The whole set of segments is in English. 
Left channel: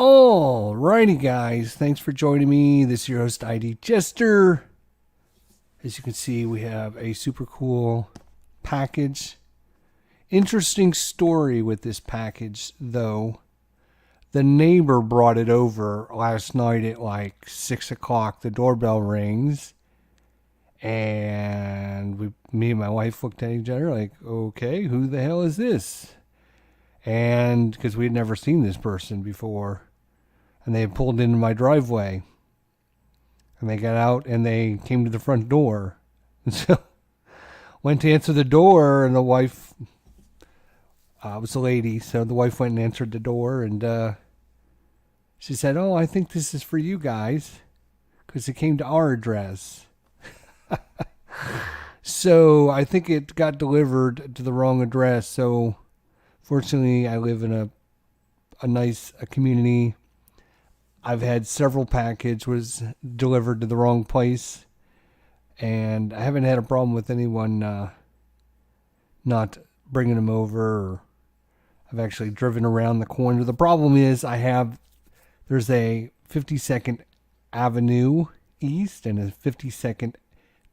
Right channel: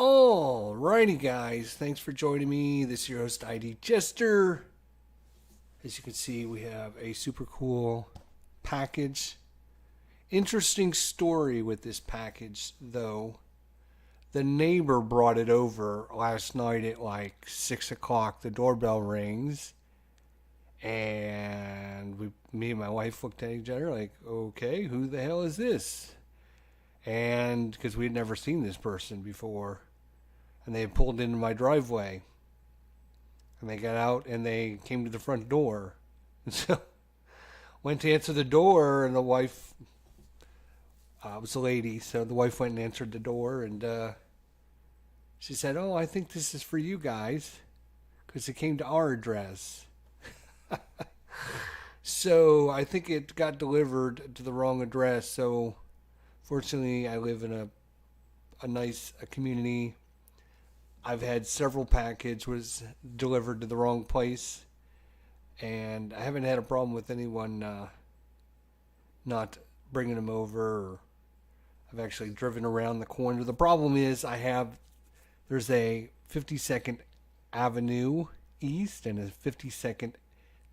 Alrighty, guys. Thanks for joining me. This is your host, ID Jester. As you can see, we have a super cool package. Interesting story with this package, though. The neighbor brought it over last night at like 6 o'clock. The doorbell rings. And me and my wife looked at each other like, okay, who the hell is this? And because we had never seen this person before. And they had pulled into my driveway. And they got out and they came to the front door. And so went to answer the door, and the wife was a lady. So the wife went and answered the door, and she said, "Oh, I think this is for you guys, because it came to our address." So I think it got delivered to the wrong address. So fortunately, I live in a nice community. I've had several packages was delivered to the wrong place, and I haven't had a problem with anyone not bringing them over. Or I've actually driven around the corner. The problem is there's a 52nd Avenue East and a 52nd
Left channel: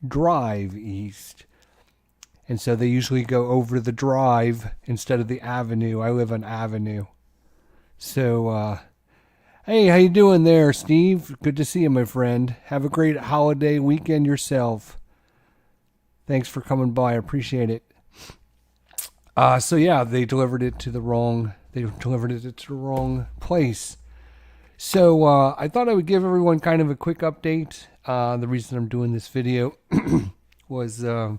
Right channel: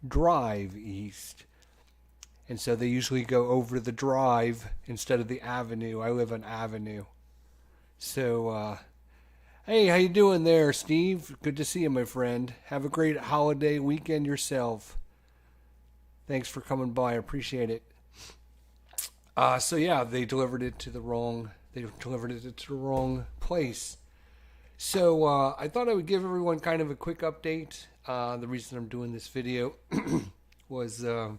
Drive East. And so they usually go over the drive instead of the avenue. I live on Avenue. So, hey, how you doing there, Steve? Good to see you, my friend. Have a great holiday weekend yourself. Thanks for coming by. I appreciate it. So yeah, they delivered it to the wrong place. So I thought I would give everyone kind of a quick update. The reason I'm doing this video was I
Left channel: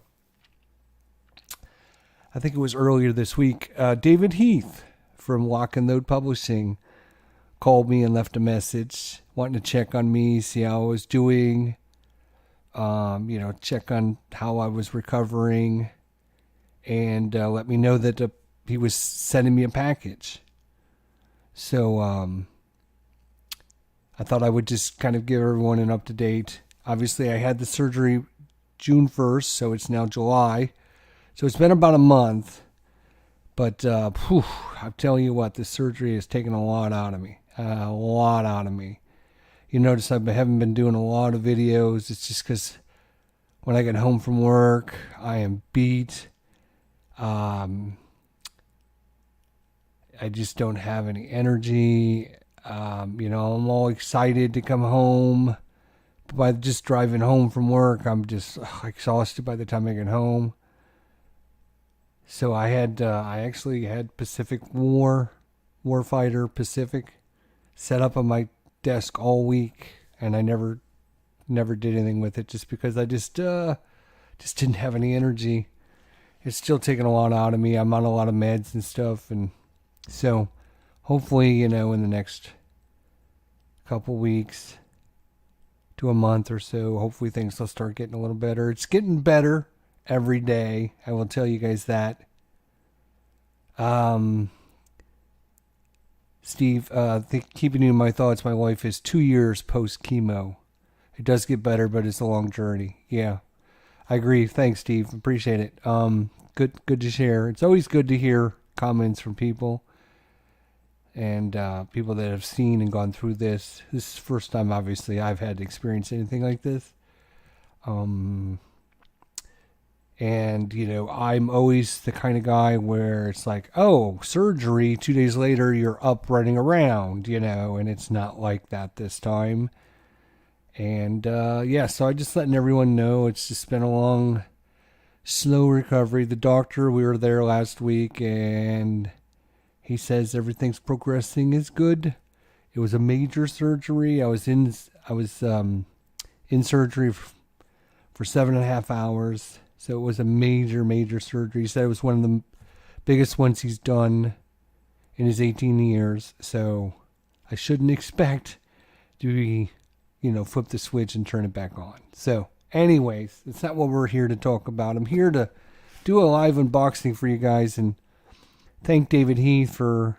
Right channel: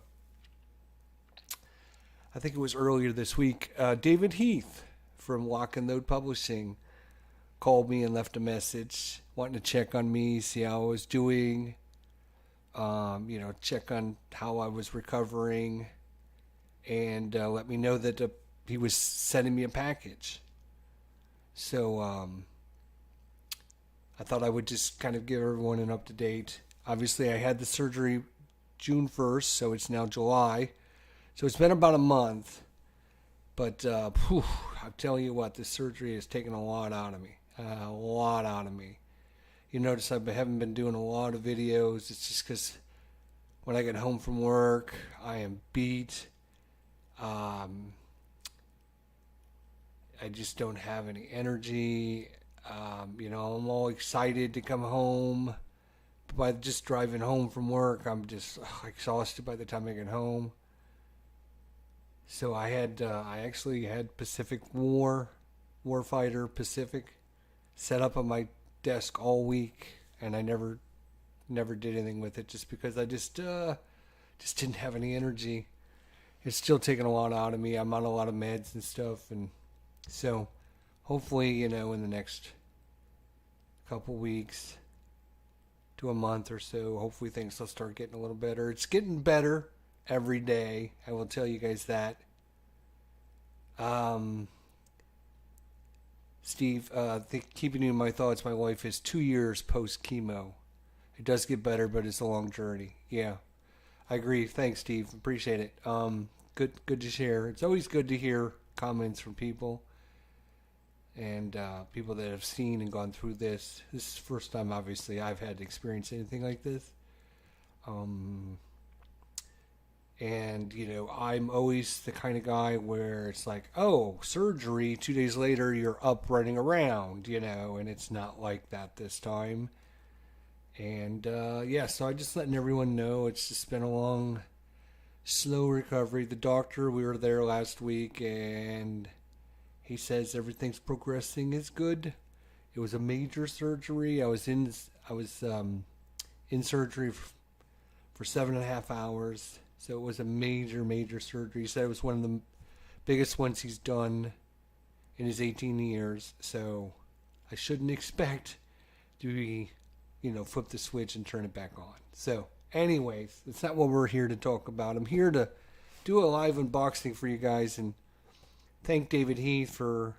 think it was earlier this week. David Heath from Lock and Load Publishing called me and left a message wanting to check on me, see how I was doing, check on how I was recovering, and let me know that he was sending me a package. So I thought I would just kind of give everyone an up-to-date. Obviously, I had the surgery June 1st, so it's now July. So it's been about a month. But I'm telling you what, this surgery has taken a lot out of me. A lot out of me. You notice I haven't been doing a lot of videos. It's just because when I get home from work, I am beat. I just don't have any energy. I'm all excited to come home. But by just driving home from work, I'm just exhausted by the time I get home. So I actually had Pacific Warfighter Pacific set up on my desk all week, and I never did anything with it just because I just didn't have any energy. It's still taking a lot out of me. I'm on a lot of meds and stuff, and so hopefully, in the next couple weeks to a month or so, hopefully things will start getting a little better. It's getting better every day. I will tell you guys that. Steve, keeping you in my thoughts, my wife is 2 years post chemo. It does get better, but it's a long journey. Yeah, I agree. Thanks, Steve. Appreciate it. Good to share. It's always good to hear comments from people and people that have seen and gone through this. This is the first time, obviously, I've had to experience anything like this. And, I'm always the kind of guy where it's like, oh, surgery, 2 days later, you're up running around, and it's not like that this time. And, so I'm just letting everyone know it's just been a long, slow recovery. The doctor, we were there last week, and he says everything's progressing is good. It was a major surgery. I was in surgery for 7.5 hours. So it was a major, major surgery. He said it was one of the biggest ones he's done in his 18 years. So I shouldn't expect to be, flip the switch and turn it back on. So anyways, it's not what we're here to talk about. I'm here to do a live unboxing for you guys and thank David Heath for,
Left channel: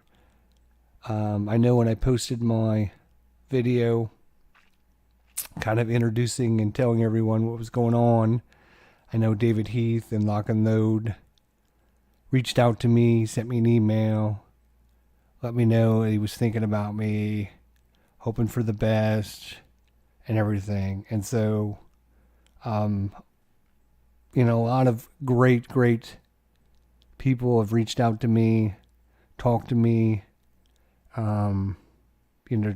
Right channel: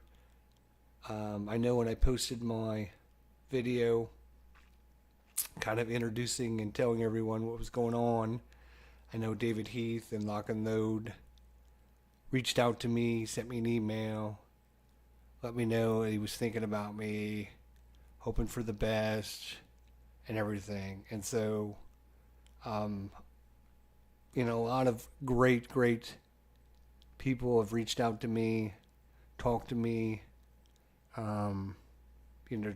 I know when I posted my video kind of introducing and telling everyone what was going on, I know David Heath and Lock and Load reached out to me, sent me an email, let me know that he was thinking about me, hoping for the best and everything. And so, a lot of great people have reached out to me, talked to me,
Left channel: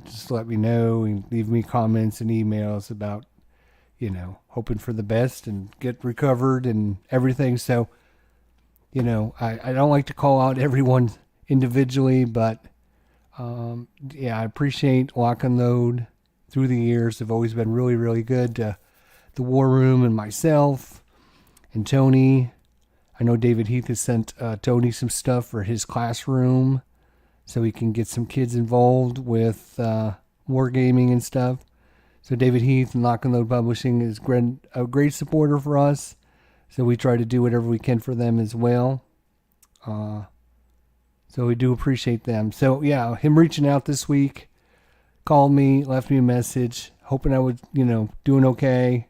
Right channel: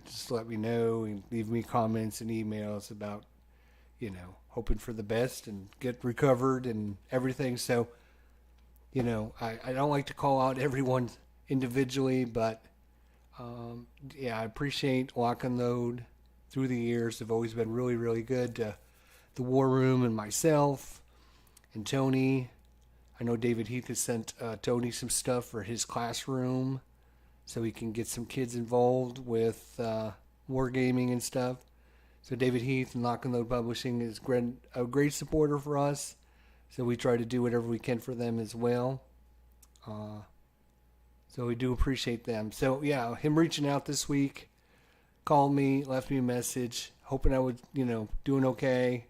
just let me know and leave me comments and emails about, hoping for the best and get recovered and everything. So, I don't like to call out everyone individually, but I appreciate Lock and Load through the years. They've always been really, really good to the War Room and myself and Tony. I know David Heath has sent Tony some stuff for his classroom so he can get some kids involved with wargaming and stuff. So David Heath and Lock and Load Publishing is a great supporter for us. So we try to do whatever we can for them as well. So we do appreciate them. So yeah, him reaching out this week, called me, left me a message, hoping I was, doing okay,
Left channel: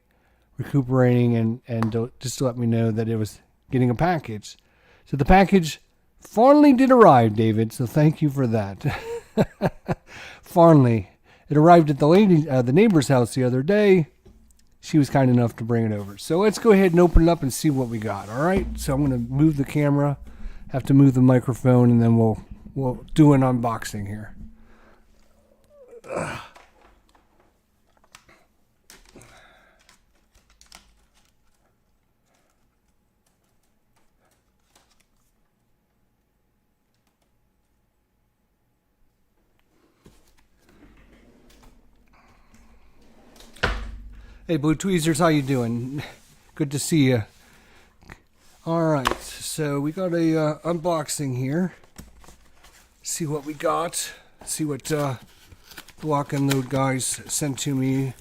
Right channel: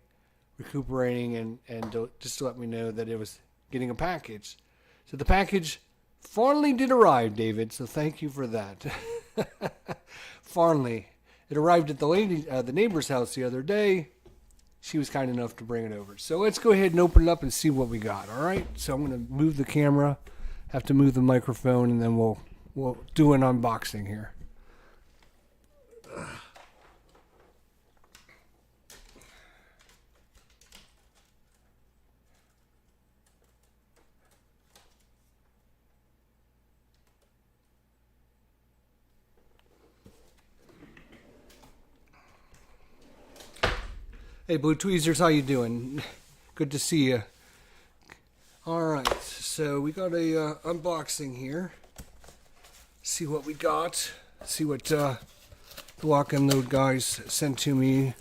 recuperating, and just to let me know that it was getting a package. So the package finally did arrive, David. So thank you for that. Finally, it arrived at the neighbor's house the other day. She was kind enough to bring it over. So let's go ahead and open it up and see what we got. All right. So I'm going to move the camera, have to move the microphone, and then we'll do an unboxing here. Hey, Blue Tweezers, how you doing? Good to see you. All right, so we got a unboxing here. See what we got. See what the Lock and Load guys sent to me.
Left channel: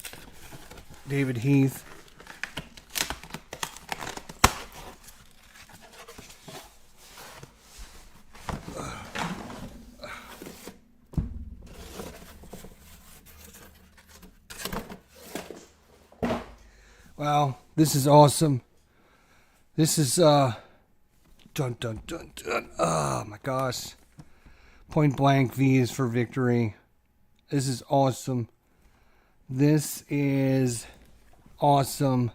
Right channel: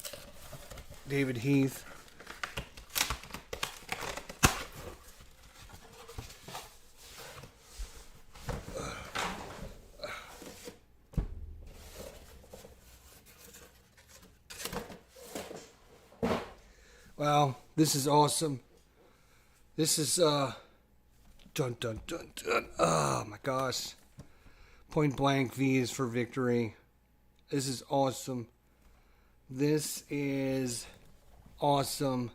David Heath. Wow, this is awesome. This is, dun, dun, dun, dun. Oh, my gosh. Point Blank V is for Victory. This is awesome. This is awesome.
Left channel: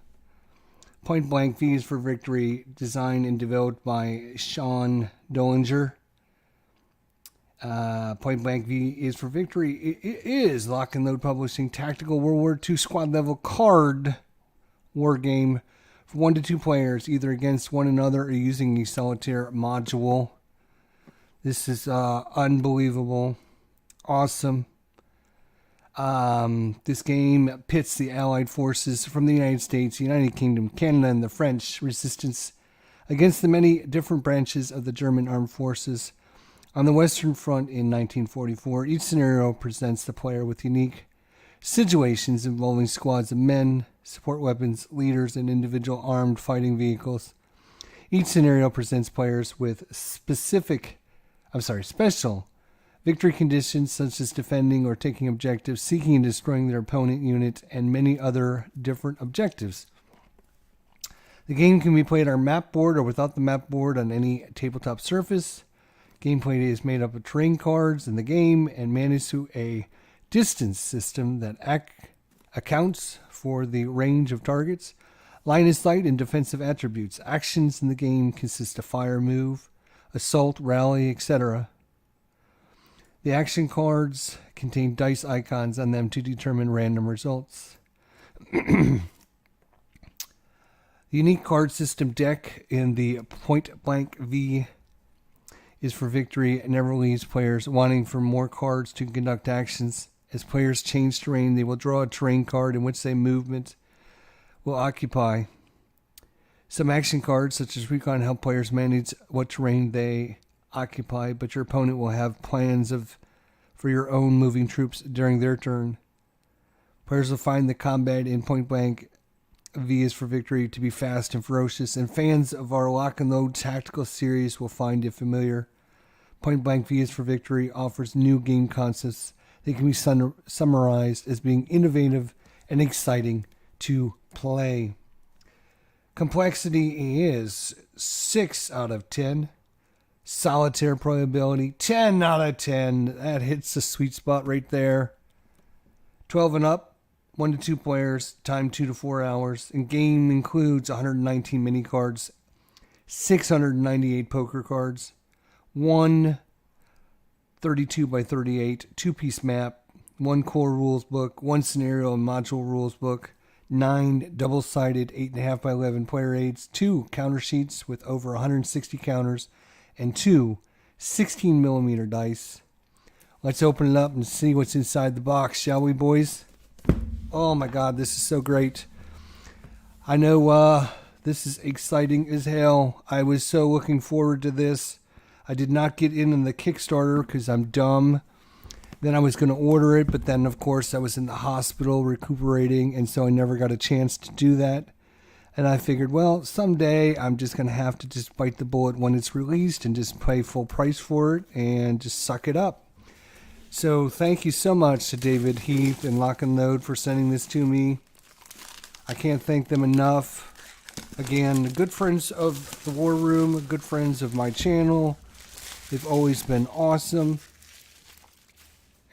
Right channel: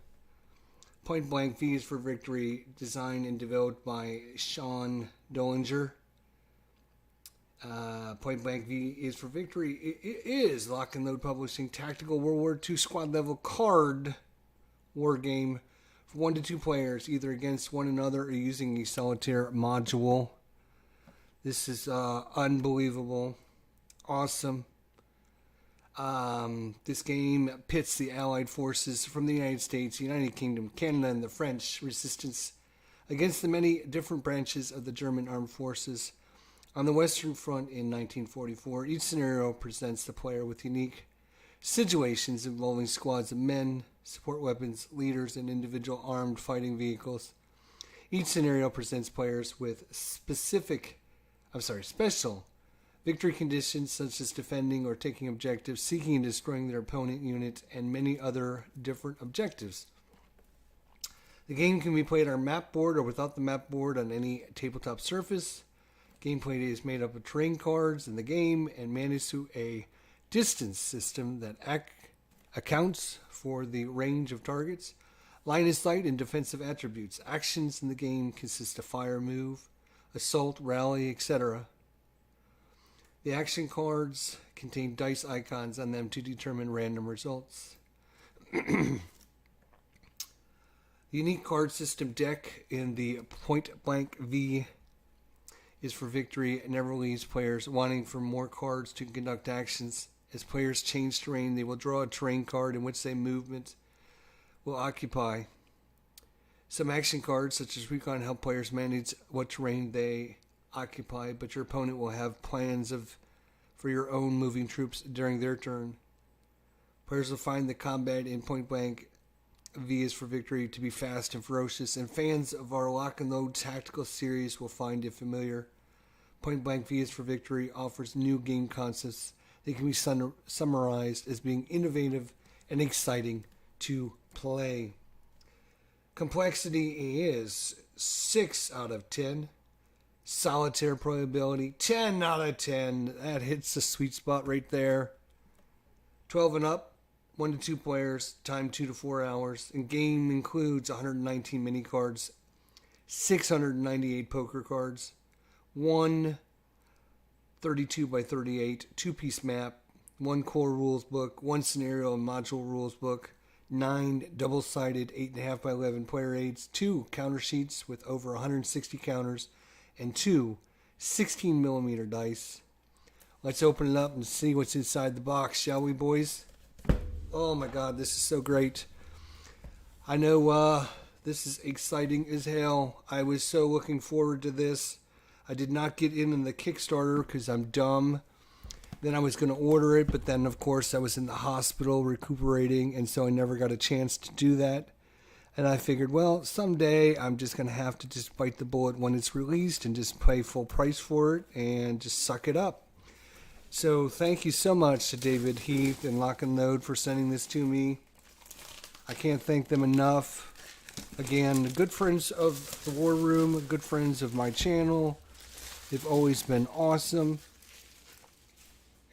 Point Blank V is for Victory, designed and developed by Sean Dollinger. Point Blank V is for Victory. It is Lock and Load Publishing Tactical World War II Squad Level Card War Game for 1 to 2 players, either against one another or using a solitaire module. This is unbelievable. Awesome. This game pits the Allied forces from the United States, United Kingdom, Canada, and the French resistance against the many different branches of the German armed forces on the Western Front in 1944. Each scenario presents the player with unique situations involving squads of men, support weapons, leaders, and individual armed fighting vehicles. Each scenario presents players with special victory conditions such as defending or taking objectives, seeking and destroying their opponent unit, and many other different objectives. The game can be played on map board or without the map board on any tabletop surface. Gameplay is made up of terrain cards in the game and managed through a distance system that accounts for the range of targets, line of sight, and defensive attributes. Actions in the game consist of fire, move, assault, rally, etc. The action cards contain dice icons on them to determine random results. The unique card system deck in the Point Blank V is for Victory and never leaves players wanting for more cards to conduct actions. As players change terrain, they will draw a terrain card in which their movement will occupy. Some action cards, such as Recon, help players manage what terrain they occupy, but your opponent will have plans for your own moving troops during their turn. Players will find the combat in Point Blank V is for Victory to be fast and ferocious, and fans of our Lock and Load tactical series will find it familiar. Point Blank V is for Victory offers new game concepts. They can be summarized as being innovative and exciting to play. Complexity is 6 out of 10. Solitaire playability, 10 out of 10. That hits the sweet spot right there. 12 and up, 1 to 2 players, time 2 to 4 hours. And game includes 119 mini cards, 698 poker cards, one 32 by 38 two-piece map, one core rules book, one scenario and module rules book, 9 double-sided 8.5 by 11 player aids, 2 counter sheets with over 160 counters, and 2 16-millimeter dice. Let's open it up and see what's inside the box, shall we, boys? Oh my God, this is so great. I know this is exciting as hell. I was so looking forward to this. I did not get in the Kickstarter because I'm dumb. Then I was going to order it, but then, of course, I was in the hospital recuperating, and so I never got a chance to do that. And I figured, well, someday I'm just going to have to just bite the bullet when it's released and just pay full price for it and just suck it up. So thank you so much to David, Heath, and Lock and Load for sending this to me. I can't thank them enough. Again, good friends of the War Room, good friends of my channel. They've always been awesome.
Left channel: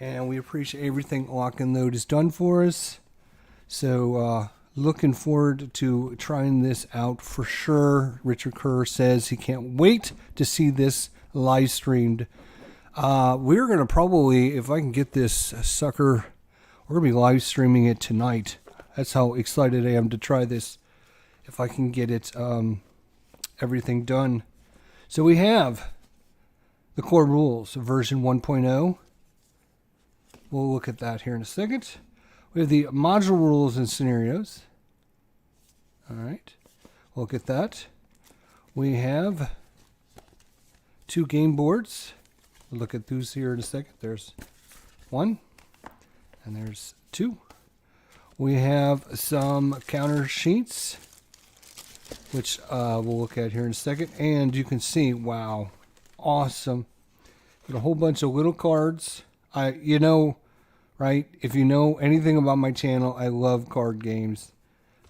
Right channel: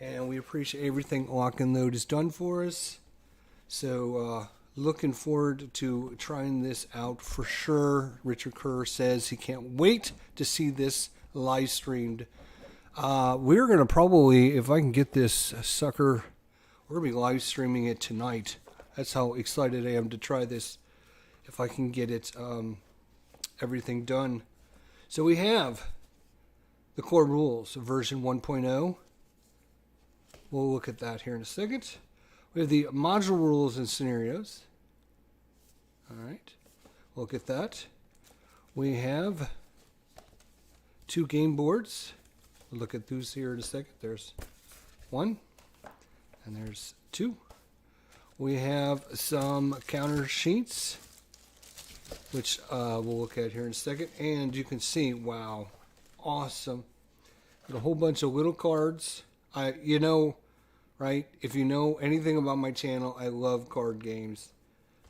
And we appreciate everything Lock and Load has done for us. So, looking forward to trying this out for sure. Richard Kerr says he can't wait to see this live streamed. We're going to probably, if I can get this sucker, we're going to be live streaming it tonight. That's how excited I am to try this. If I can get it, everything done. So we have the core rules, version 1.0. We'll look at that here in a second. We have the module rules and scenarios. All right. We'll look at that. We have 2 game boards. We'll look at those here in a second. There's 1 and there's 2. We have some counter sheets, which we'll look at here in a second. And you can see, wow, awesome. Got a whole bunch of little cards. You know, right? If you know anything about my channel, I love card games.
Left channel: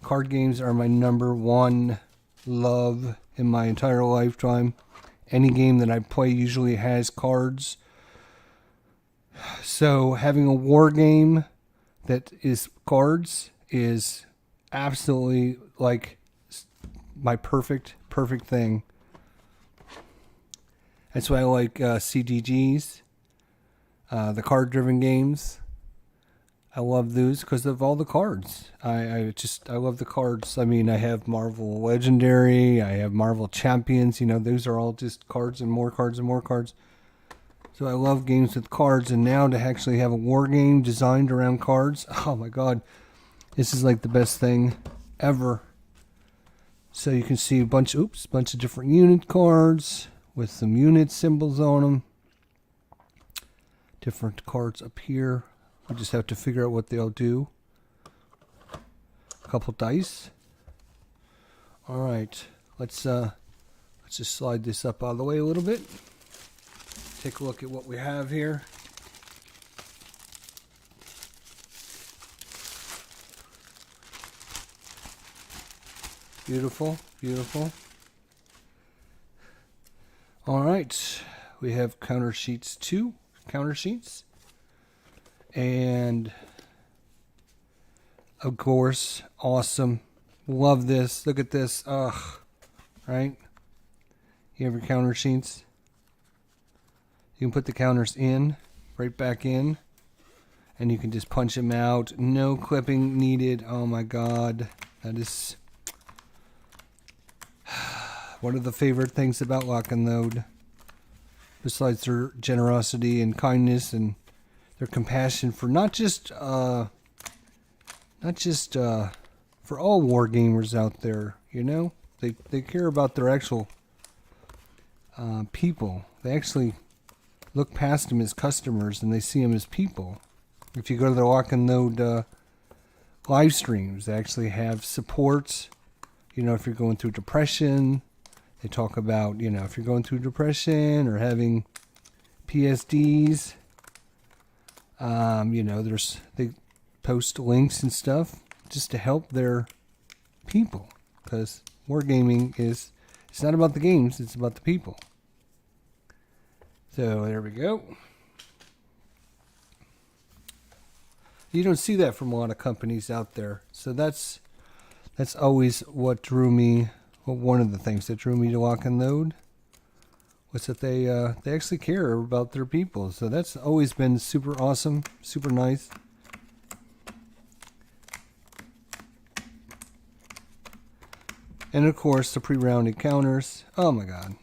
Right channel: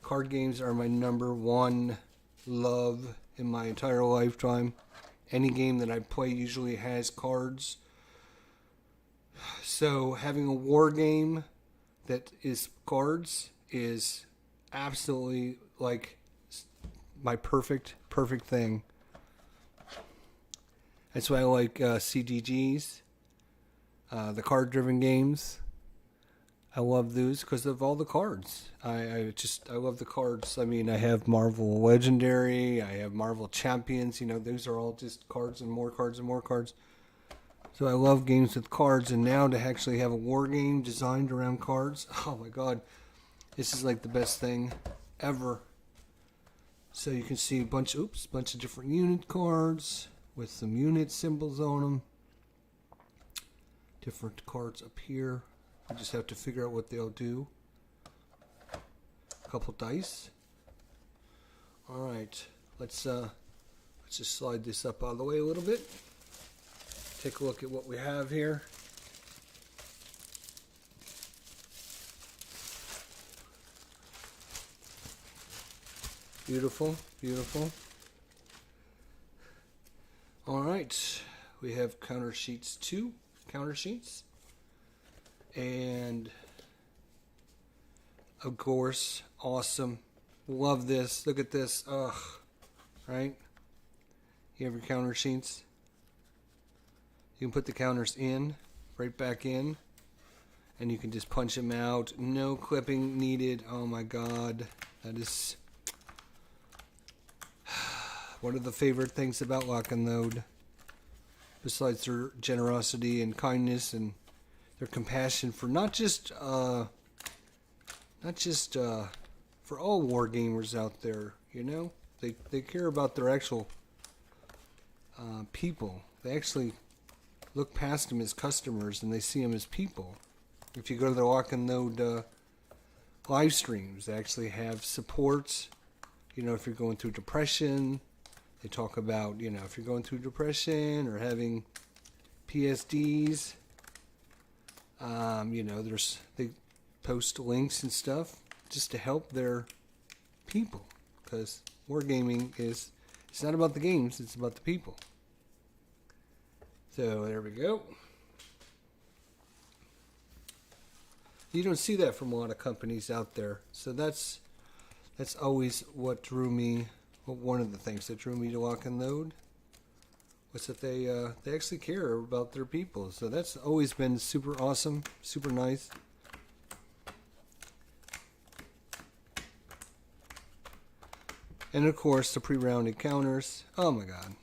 Card games are my #1 love in my entire lifetime. Any game that I play usually has cards. So having a war game that is cards is absolutely like my perfect thing. That's why I like CDGs, the card-driven games. I love those because of all the cards. I love the cards. I mean, I have Marvel Legendary, I have Marvel Champions. You know, those are all just cards and more cards and more cards. So I love games with cards, and now to actually have a war game designed around cards, oh my God, this is like the best thing ever. So you can see a bunch of different unit cards with some unit symbols on them. Different cards up here. We just have to figure out what they'll do. A couple dice. All right, let's just slide this up out of the way a little bit. Take a look at what we have here. Beautiful, beautiful. All right, we have counter sheets, 2 counter sheets. And of course, awesome. Love this. Look at this. Ugh. Right? You have your counter sheets. You can put the counters in, right back in, and you can just punch them out. No clipping needed. Oh my God. That is one of the favorite things about Lock and Load. Besides their generosity and kindness and their compassion for not just for all war gamers out there, you know, they care about their actual people. They actually look past them as customers and they see them as people. If you go to the Lock and Load live streams, they actually have support. You know, if you're going through depression, they talk about, you know, if you're going through depression or having PSDs. You know, they post links and stuff just to help their people, because wargaming it's not about the games, it's about the people. So there we go. You don't see that from a lot of companies out there. So that's always what drew me. Well, one of the things that drew me to Lock and Load was that they actually care about their people. So that's always been super awesome, super nice. And of course, the pre-rounded counters. Oh my God.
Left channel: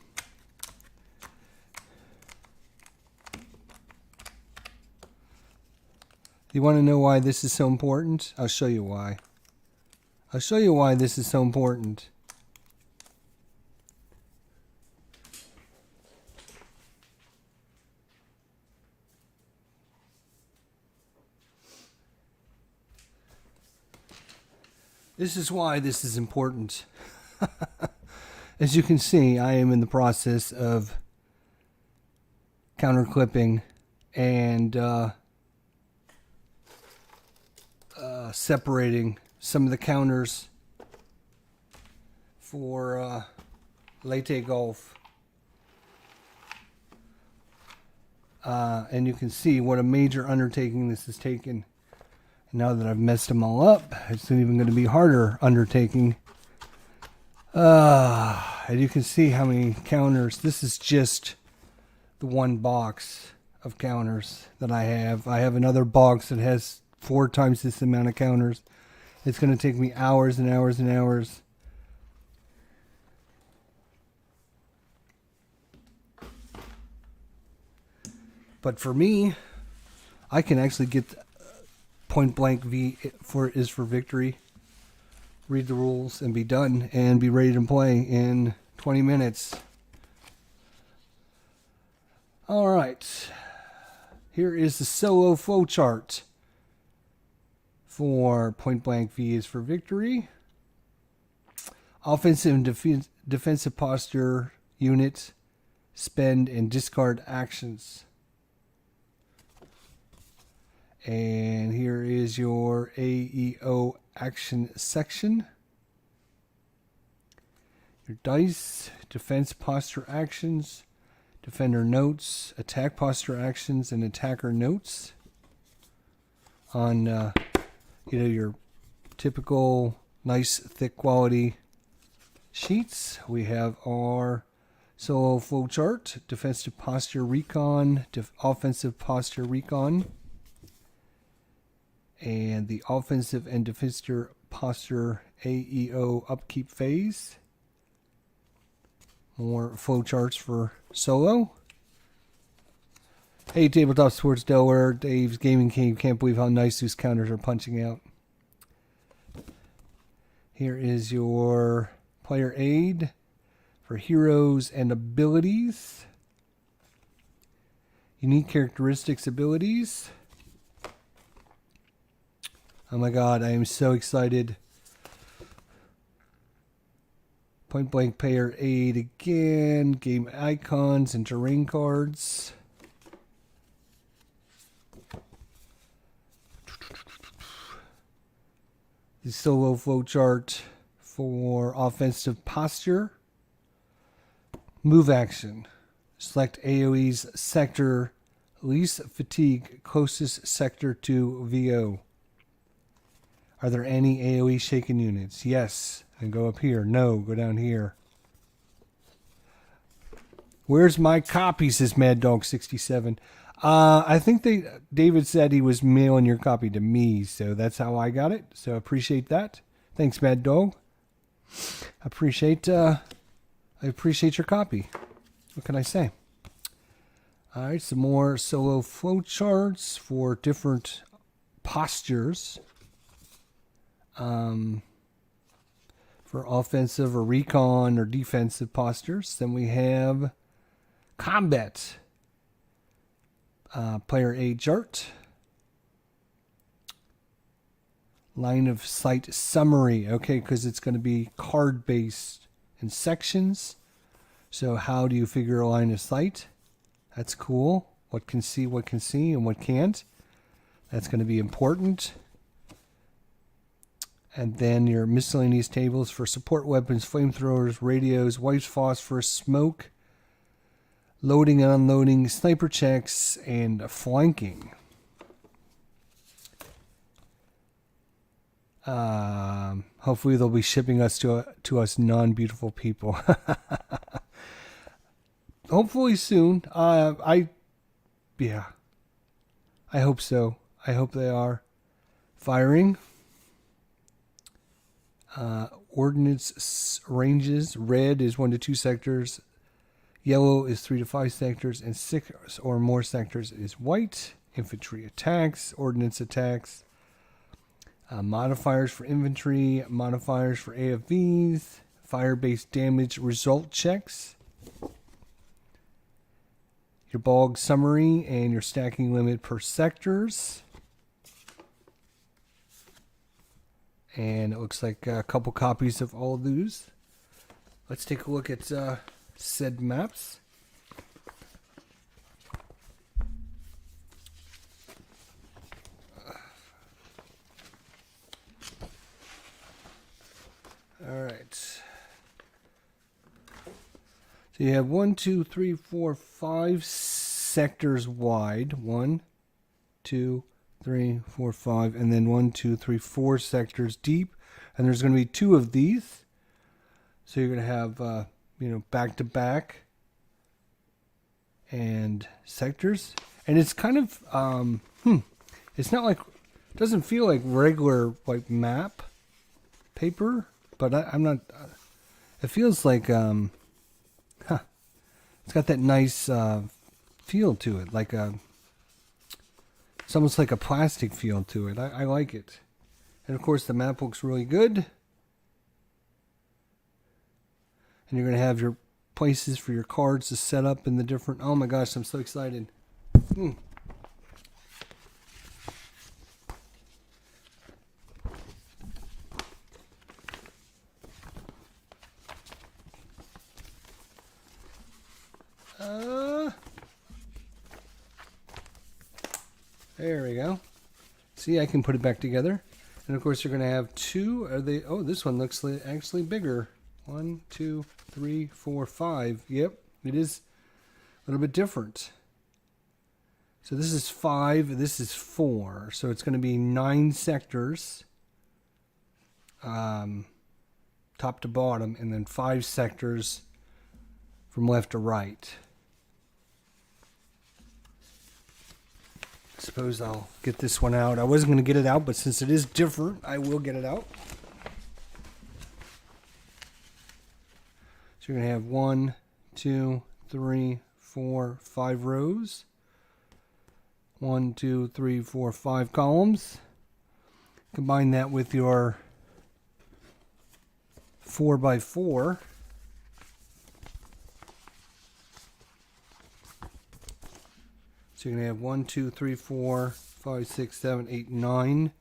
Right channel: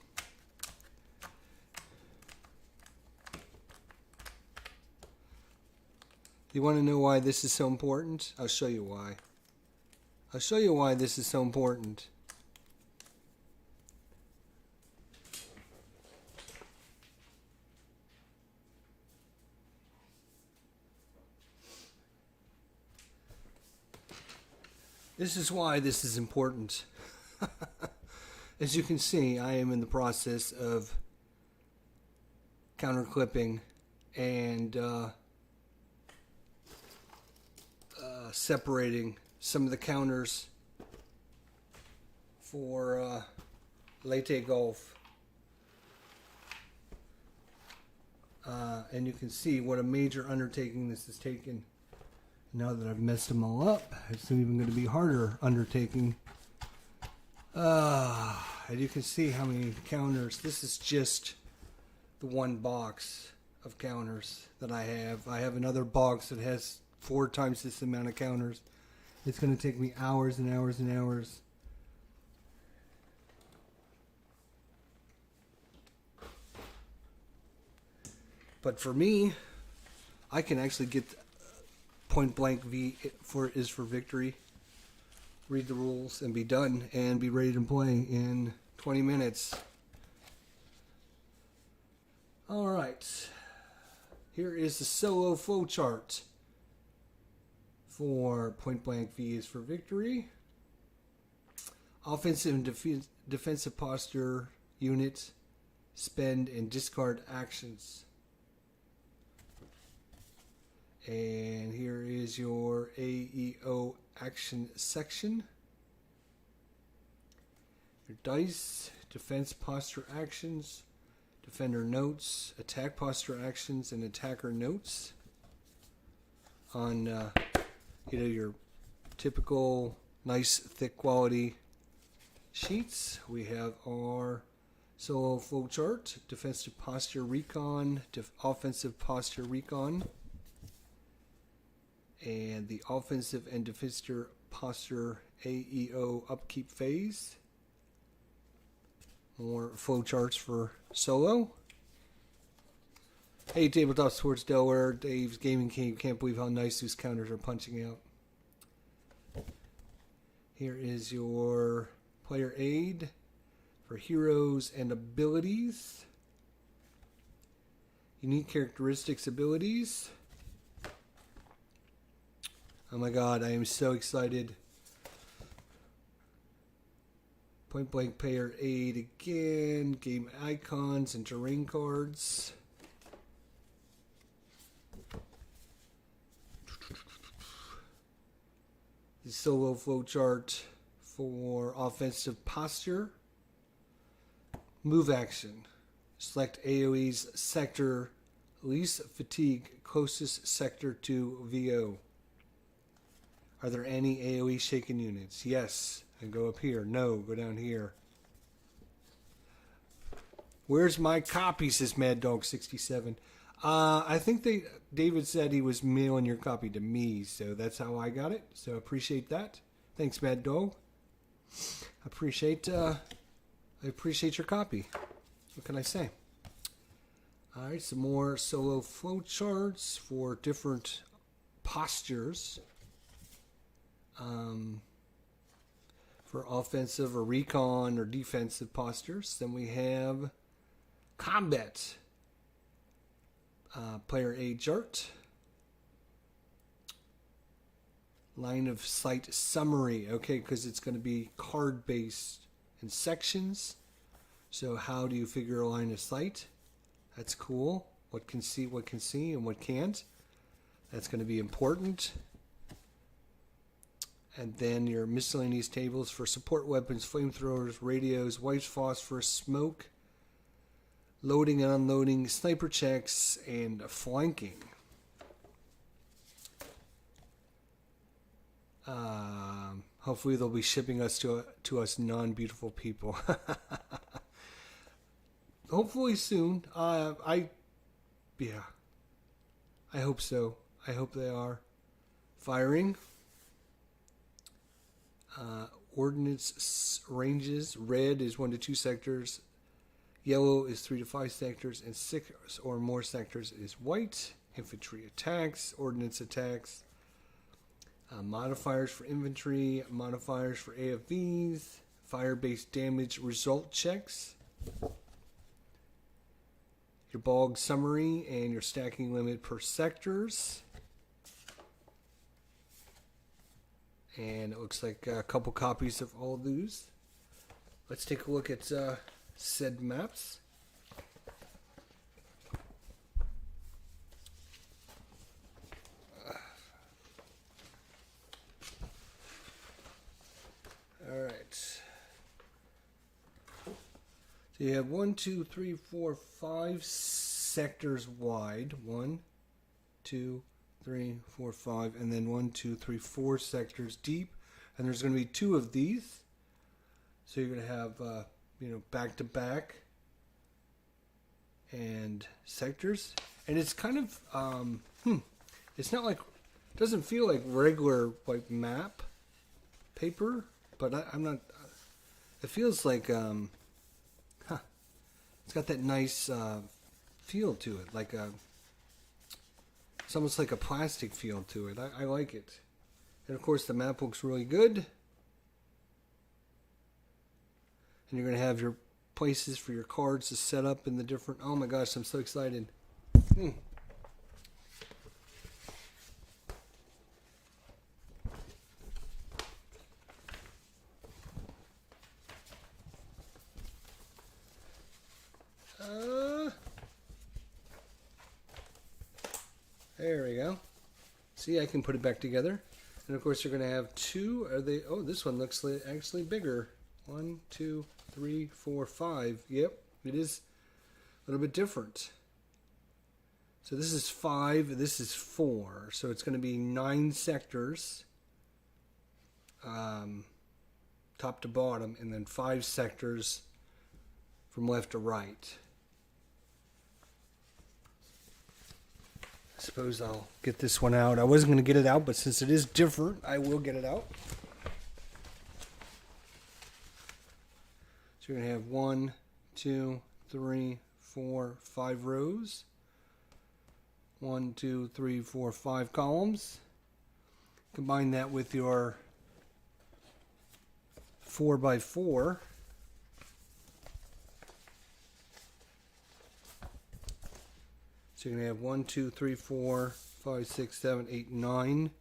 You want to know why this is so important? I'll show you why. I'll show you why this is so important. This is why this is important. As you can see, I am in the process of counter clipping and separating some of the counters for Latte Golf. And you can see what a major undertaking this has taken. Now that I've messed them all up, it's even going to be harder undertaking. And you can see how many counters. This is just the one box of counters that I have. I have another box that has 4 times this amount of counters. It's going to take me hours and hours and hours. But for me, I can actually get point blank V is for victory. Read the rules and be done and be ready to play in 20 minutes. All right. Here is the solo flow chart for point blank V is for victory. Offensive and defensive posture unit, spend and discard actions. And here is your AEO action section. Your dice, defense posture actions, defender notes, attack posture actions, and attacker notes. On your typical nice thick quality sheets, we have our solo flow chart, defensive posture recon, offensive posture recon, and the offensive and defensive posture AEO upkeep phase. More flow charts for solo. Hey, Tabletop Sports Delaware, Dave's Gaming Cave. Can't believe how nice these counters are punching out. Here is your player aid for heroes and abilities. Unique characteristics abilities. Oh my God, I am so excited. Point blank player aid again. Game icons and terrain cards. The solo flow chart for offensive posture. Move action. Select AoE's sector. Least fatigue closest sector to VO. Are there any AoE shaken units? Yes. And go up here. No. Go down here. Where's my copy, says Mad Dog 67. I think David said he was mailing your copy to me, so that's how I got it. So appreciate that. Thanks, Mad Dog. I appreciate your copy. What can I say? All right, some more solo flow charts for different postures. For offensive or recon or defensive postures. Then we have combat. Player aid chart. Line of sight summary. Okay, because it's going to be card based in sections. So how do you figure a line of sight? That's cool. What can see, and what can't. That's going to be important. And then your miscellaneous tables for support weapons, flamethrowers, radios, wipes, phosphorus, smoke, loading and unloading, sniper checks, and flanking. Hopefully they'll be shipping us to us non-beautiful people. Hopefully soon. Yeah, I hope so. I hope they are. Firing. Ordnance ranges. Red is 1 to 2 sectors. Yellow is 3 to 5 sectors. And 6 or more sectors is white. Infantry attacks. Ordnance attacks. Modifiers for infantry. Modifiers for AFVs. Fire-based damage result checks. Your bog summary and your stacking limit per sectors. And it looks like a couple copies of all of these. Let's take a look at said maps. All right. So you have 1, 2, 3, 4, 5 sectors wide. 1, 2, 3, 4, 5, and then 1, 2, 3, 4 sectors deep. And there's going to be 2 of these. So you're going to have, back to back and sectors. And it's kind of, it's not like, it doesn't feel like regular like map paper, but I'm not. It feels like, it's got that nice feel to it, like it's almost like a plastic feel to it. I like it. And of course the map looks really good. And you're going to have your places for your cards to set up in the different... Oh my gosh, I'm so excited. There we go. See, I can put it back together. And of course you're going to have 2. Are they? Oh, this one looks actually bigger. 1, 2, 3, 4, 5. Yep, it is a little bit different. So this is 5, this is 4. So it's going to be 9 sectors, top to bottom, and then 5 sectors from left to right. I suppose I'll get this one out. I wasn't going to get it out, but since it is different, I will get it out. So you're going to have 1, 2, 3, 4, 5 rows. 1, 2, 3, 4, 5 columns. Combine that with your 4x4. So you're going to have 1, 2, 3, 4, 5, 6, 7, 8, 9.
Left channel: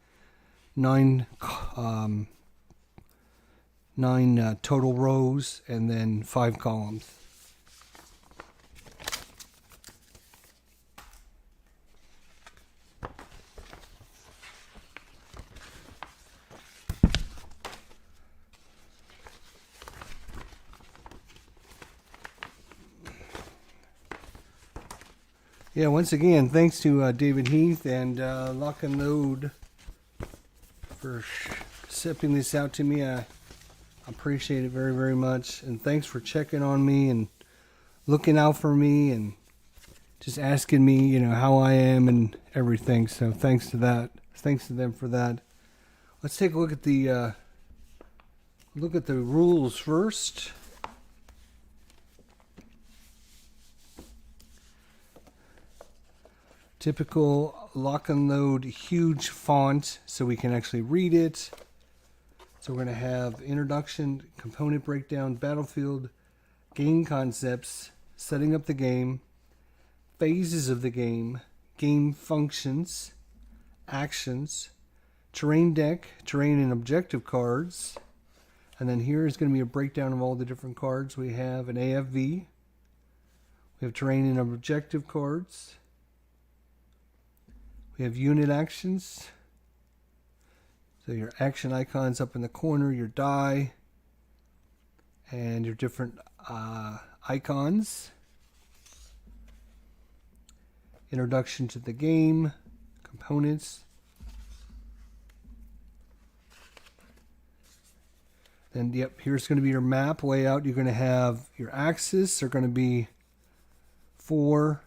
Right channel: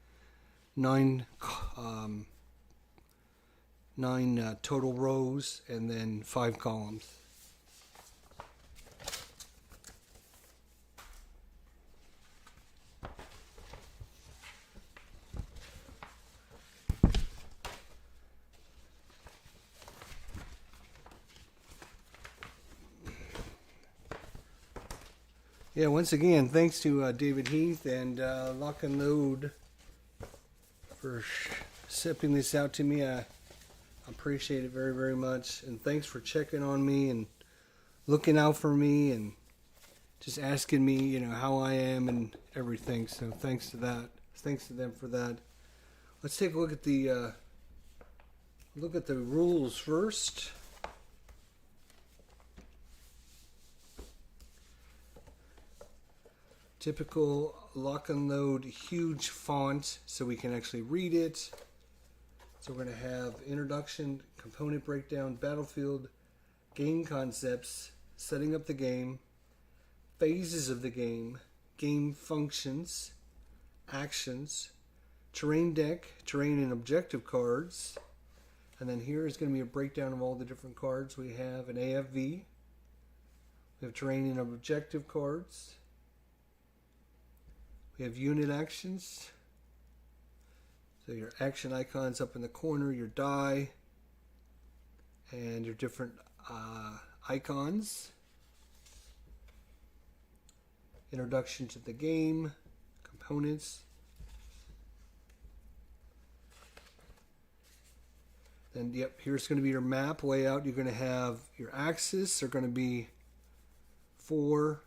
9 total rows, and then 5 columns. Yeah, once again, thanks to David Heath and Lock and Load for shipping this out to me. I appreciate it very, very much. And thanks for checking on me and looking out for me and just asking me, how I am and everything. So thanks to that. Thanks to them for that. Let's take a look at the rules first. Typical Lock and Load huge font so we can actually read it. So we're going to have introduction, component breakdown, battlefield, game concepts, setting up the game, phases of the game, game functions, actions, terrain deck, terrain and objective cards. And then here is going to be a breakdown of all the different cards. We have an AFV. We have terrain and objective cards. We have unit actions. So your action icons up in the corner, your die, and your different icons. Introduction to the game, components. Then, yep, here's going to be your map layout. You're going to have your axes are going to be 4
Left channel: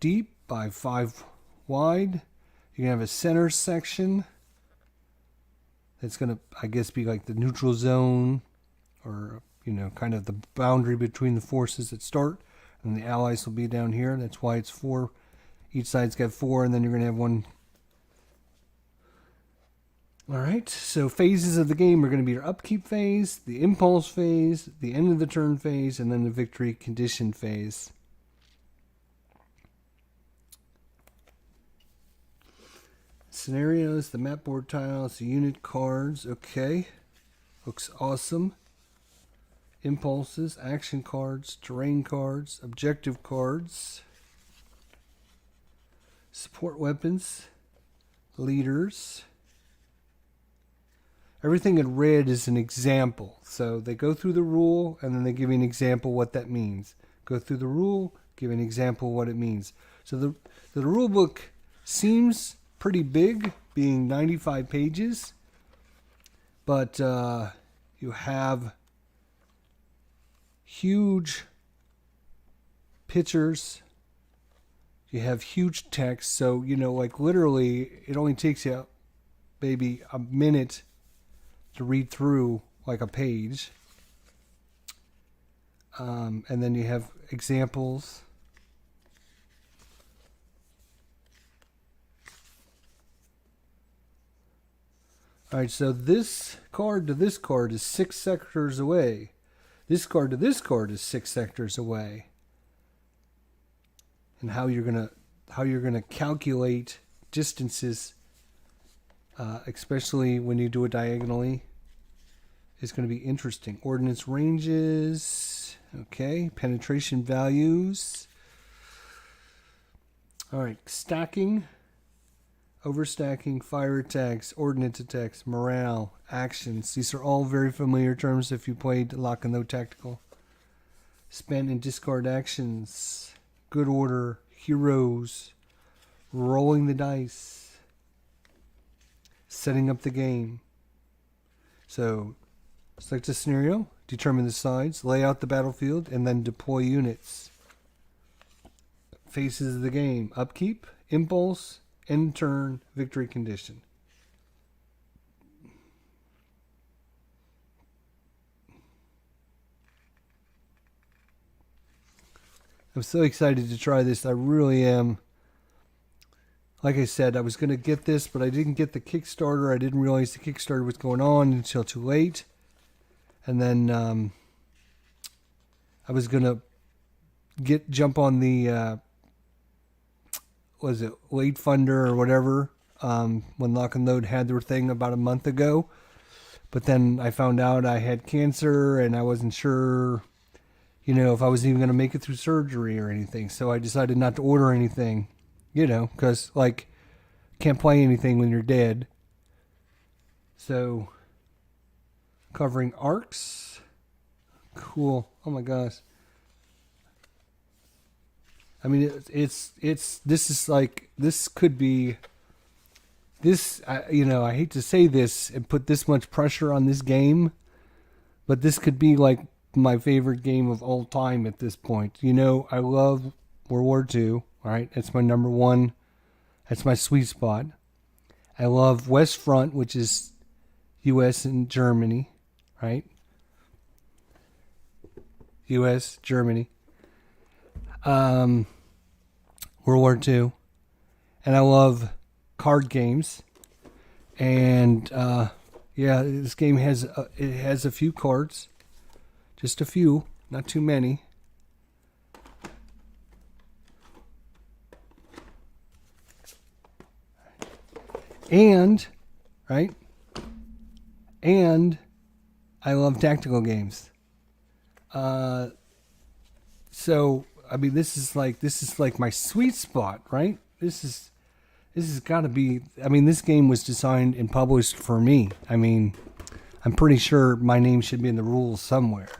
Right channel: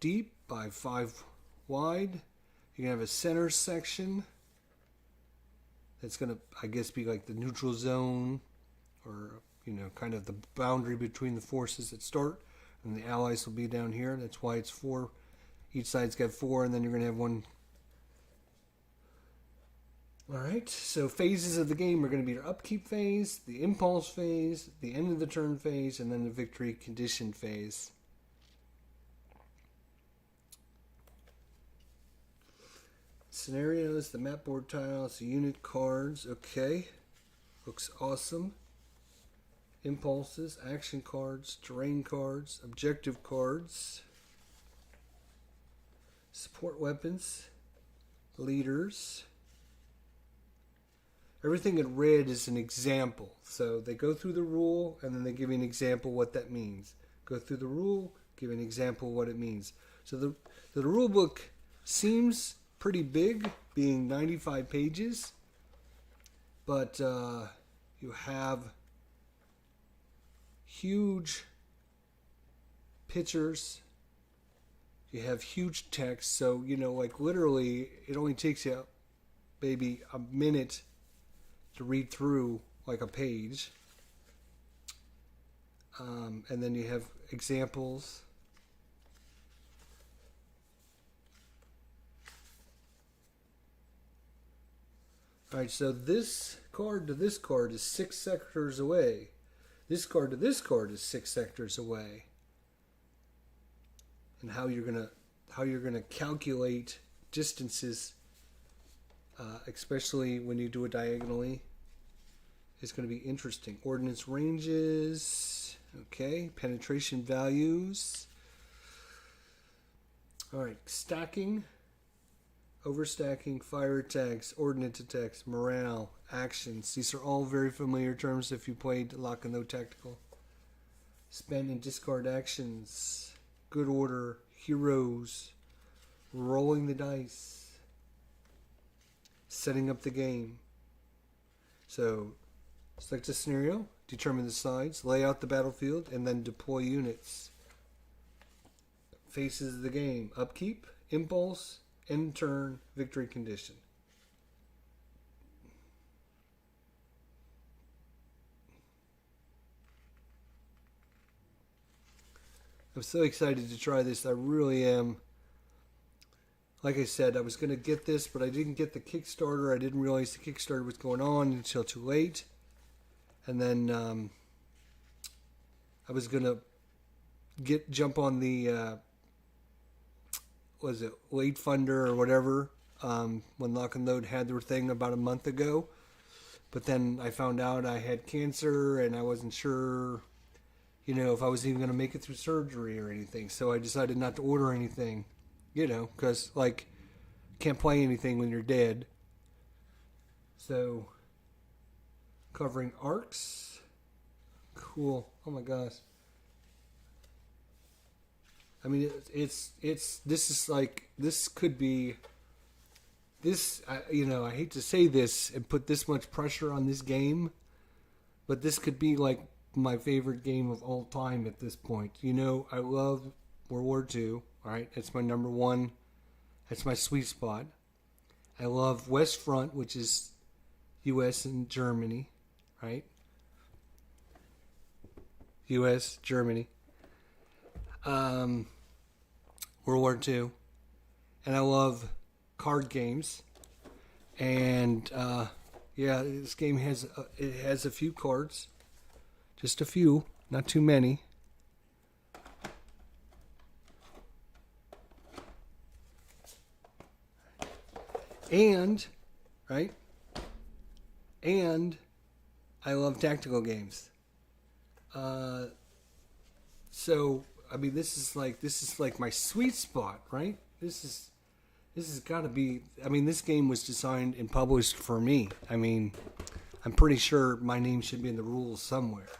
deep by 5 wide. You're going to have a center section that's going to, I guess, be like the neutral zone, or, you know, kind of the boundary between the forces that start. And the allies will be down here. That's why it's 4. Each side's got 4, and then you're going to have 1. All right, so phases of the game are going to be your upkeep phase, the impulse phase, the end of the turn phase, and then the victory condition phase. Scenarios, the map board tiles, the unit cards. Okay, looks awesome. Impulses, action cards, terrain cards, objective cards, support weapons, leaders. Everything in red is an example. So they go through the rule and then they give you an example what that means. Go through the rule, give an example what it means. So the rule book seems pretty big, being 95 pages, but you have huge pictures. You have huge text. So, you know, like literally it only takes you maybe a minute to read through like a page. And then you have examples. All right, so this card to this card is 6 sectors away. This card to this card is 6 sectors away. And how you're gonna calculate distances, especially when you do it diagonally, is going to be interesting. Ordnance ranges, okay, penetration values. All right, stacking, overstacking, fire attacks, ordnance attacks, morale, actions. These are all very familiar terms if you played Lock and Load Tactical. Spend and discard actions, good order, heroes, rolling the dice, setting up the game. So, select a scenario, determine the sides, lay out the battlefield, and then deploy units. Phases of the game: upkeep, impulse, end turn, victory condition. I'm so excited to try this. I really am. Like I said, I was going to get this, but I didn't get the Kickstarter. I didn't realize the Kickstarter was going on until too late. And then I was going to jump on the, Late Funder or whatever, when Lock and Load had their thing about a month ago. But then I found out I had cancer and I wasn't sure, you know, if I was even going to make it through surgery or anything. So I decided not to order anything. You know, because, like, can't play anything when you're dead. So, covering arcs. Cool. Oh my gosh. I mean, this could be, you know, I hate to say this and put this much pressure on this game, but this could be like my favorite game of all time at this point. You know, I love World War II. All right, that's my number one. That's my sweet spot. I love West Front, which is U.S. and Germany, right? U.S., Germany. World War II. And I love card games. And, yeah, this game has a few cards. Just a few, not too many. And, right? And I love tactical games. So, I mean, this is like my sweet spot, right? This has got to be, I mean, this game was designed and published for me. I mean, I'm pretty sure my name should be in the rules somewhere.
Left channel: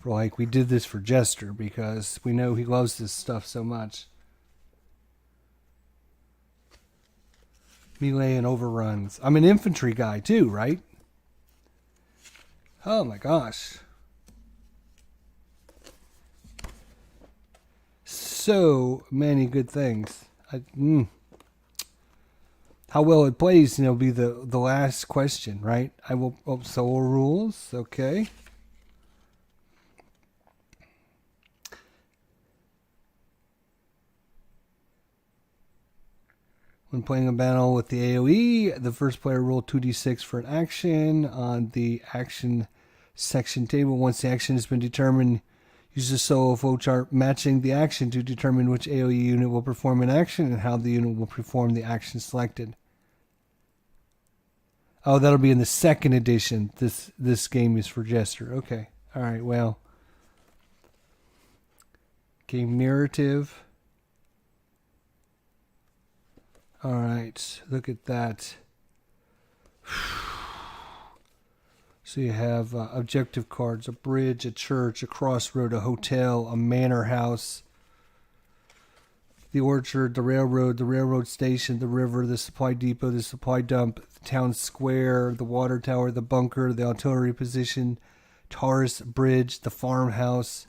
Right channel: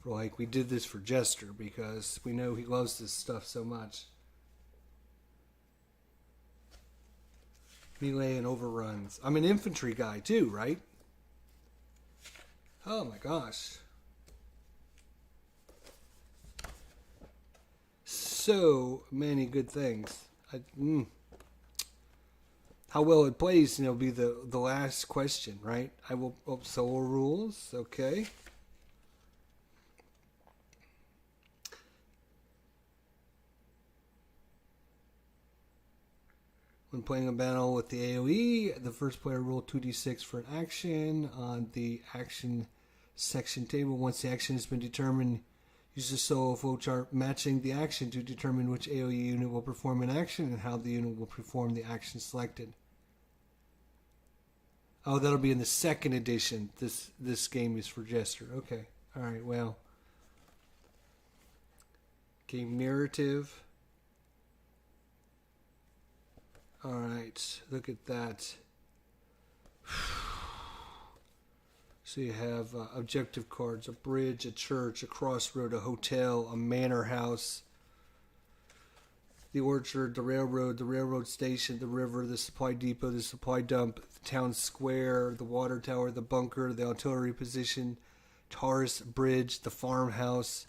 For like, we did this for Jester because we know he loves this stuff so much. Melee and overruns. I'm an infantry guy too, right? Oh my gosh. So many good things. How well it plays, will be the last question, right? I will. Oh, solo rules. Okay. When playing a battle with the AoE, the first player roll 2d6 for an action on the action section table. Once the action has been determined, use the solo flowchart matching the action to determine which AoE unit will perform an action and how the unit will perform the action selected. Oh, that'll be in the second edition. This game is for Jester. Okay. All right. Well, game narrative. All right. Look at that. So you have objective cards: a bridge, a church, a crossroad, a hotel, a manor house, the orchard, the railroad station, the river, the supply depot, the supply dump, the town square, the water tower, the bunker, the artillery position, Taurus Bridge, the farmhouse.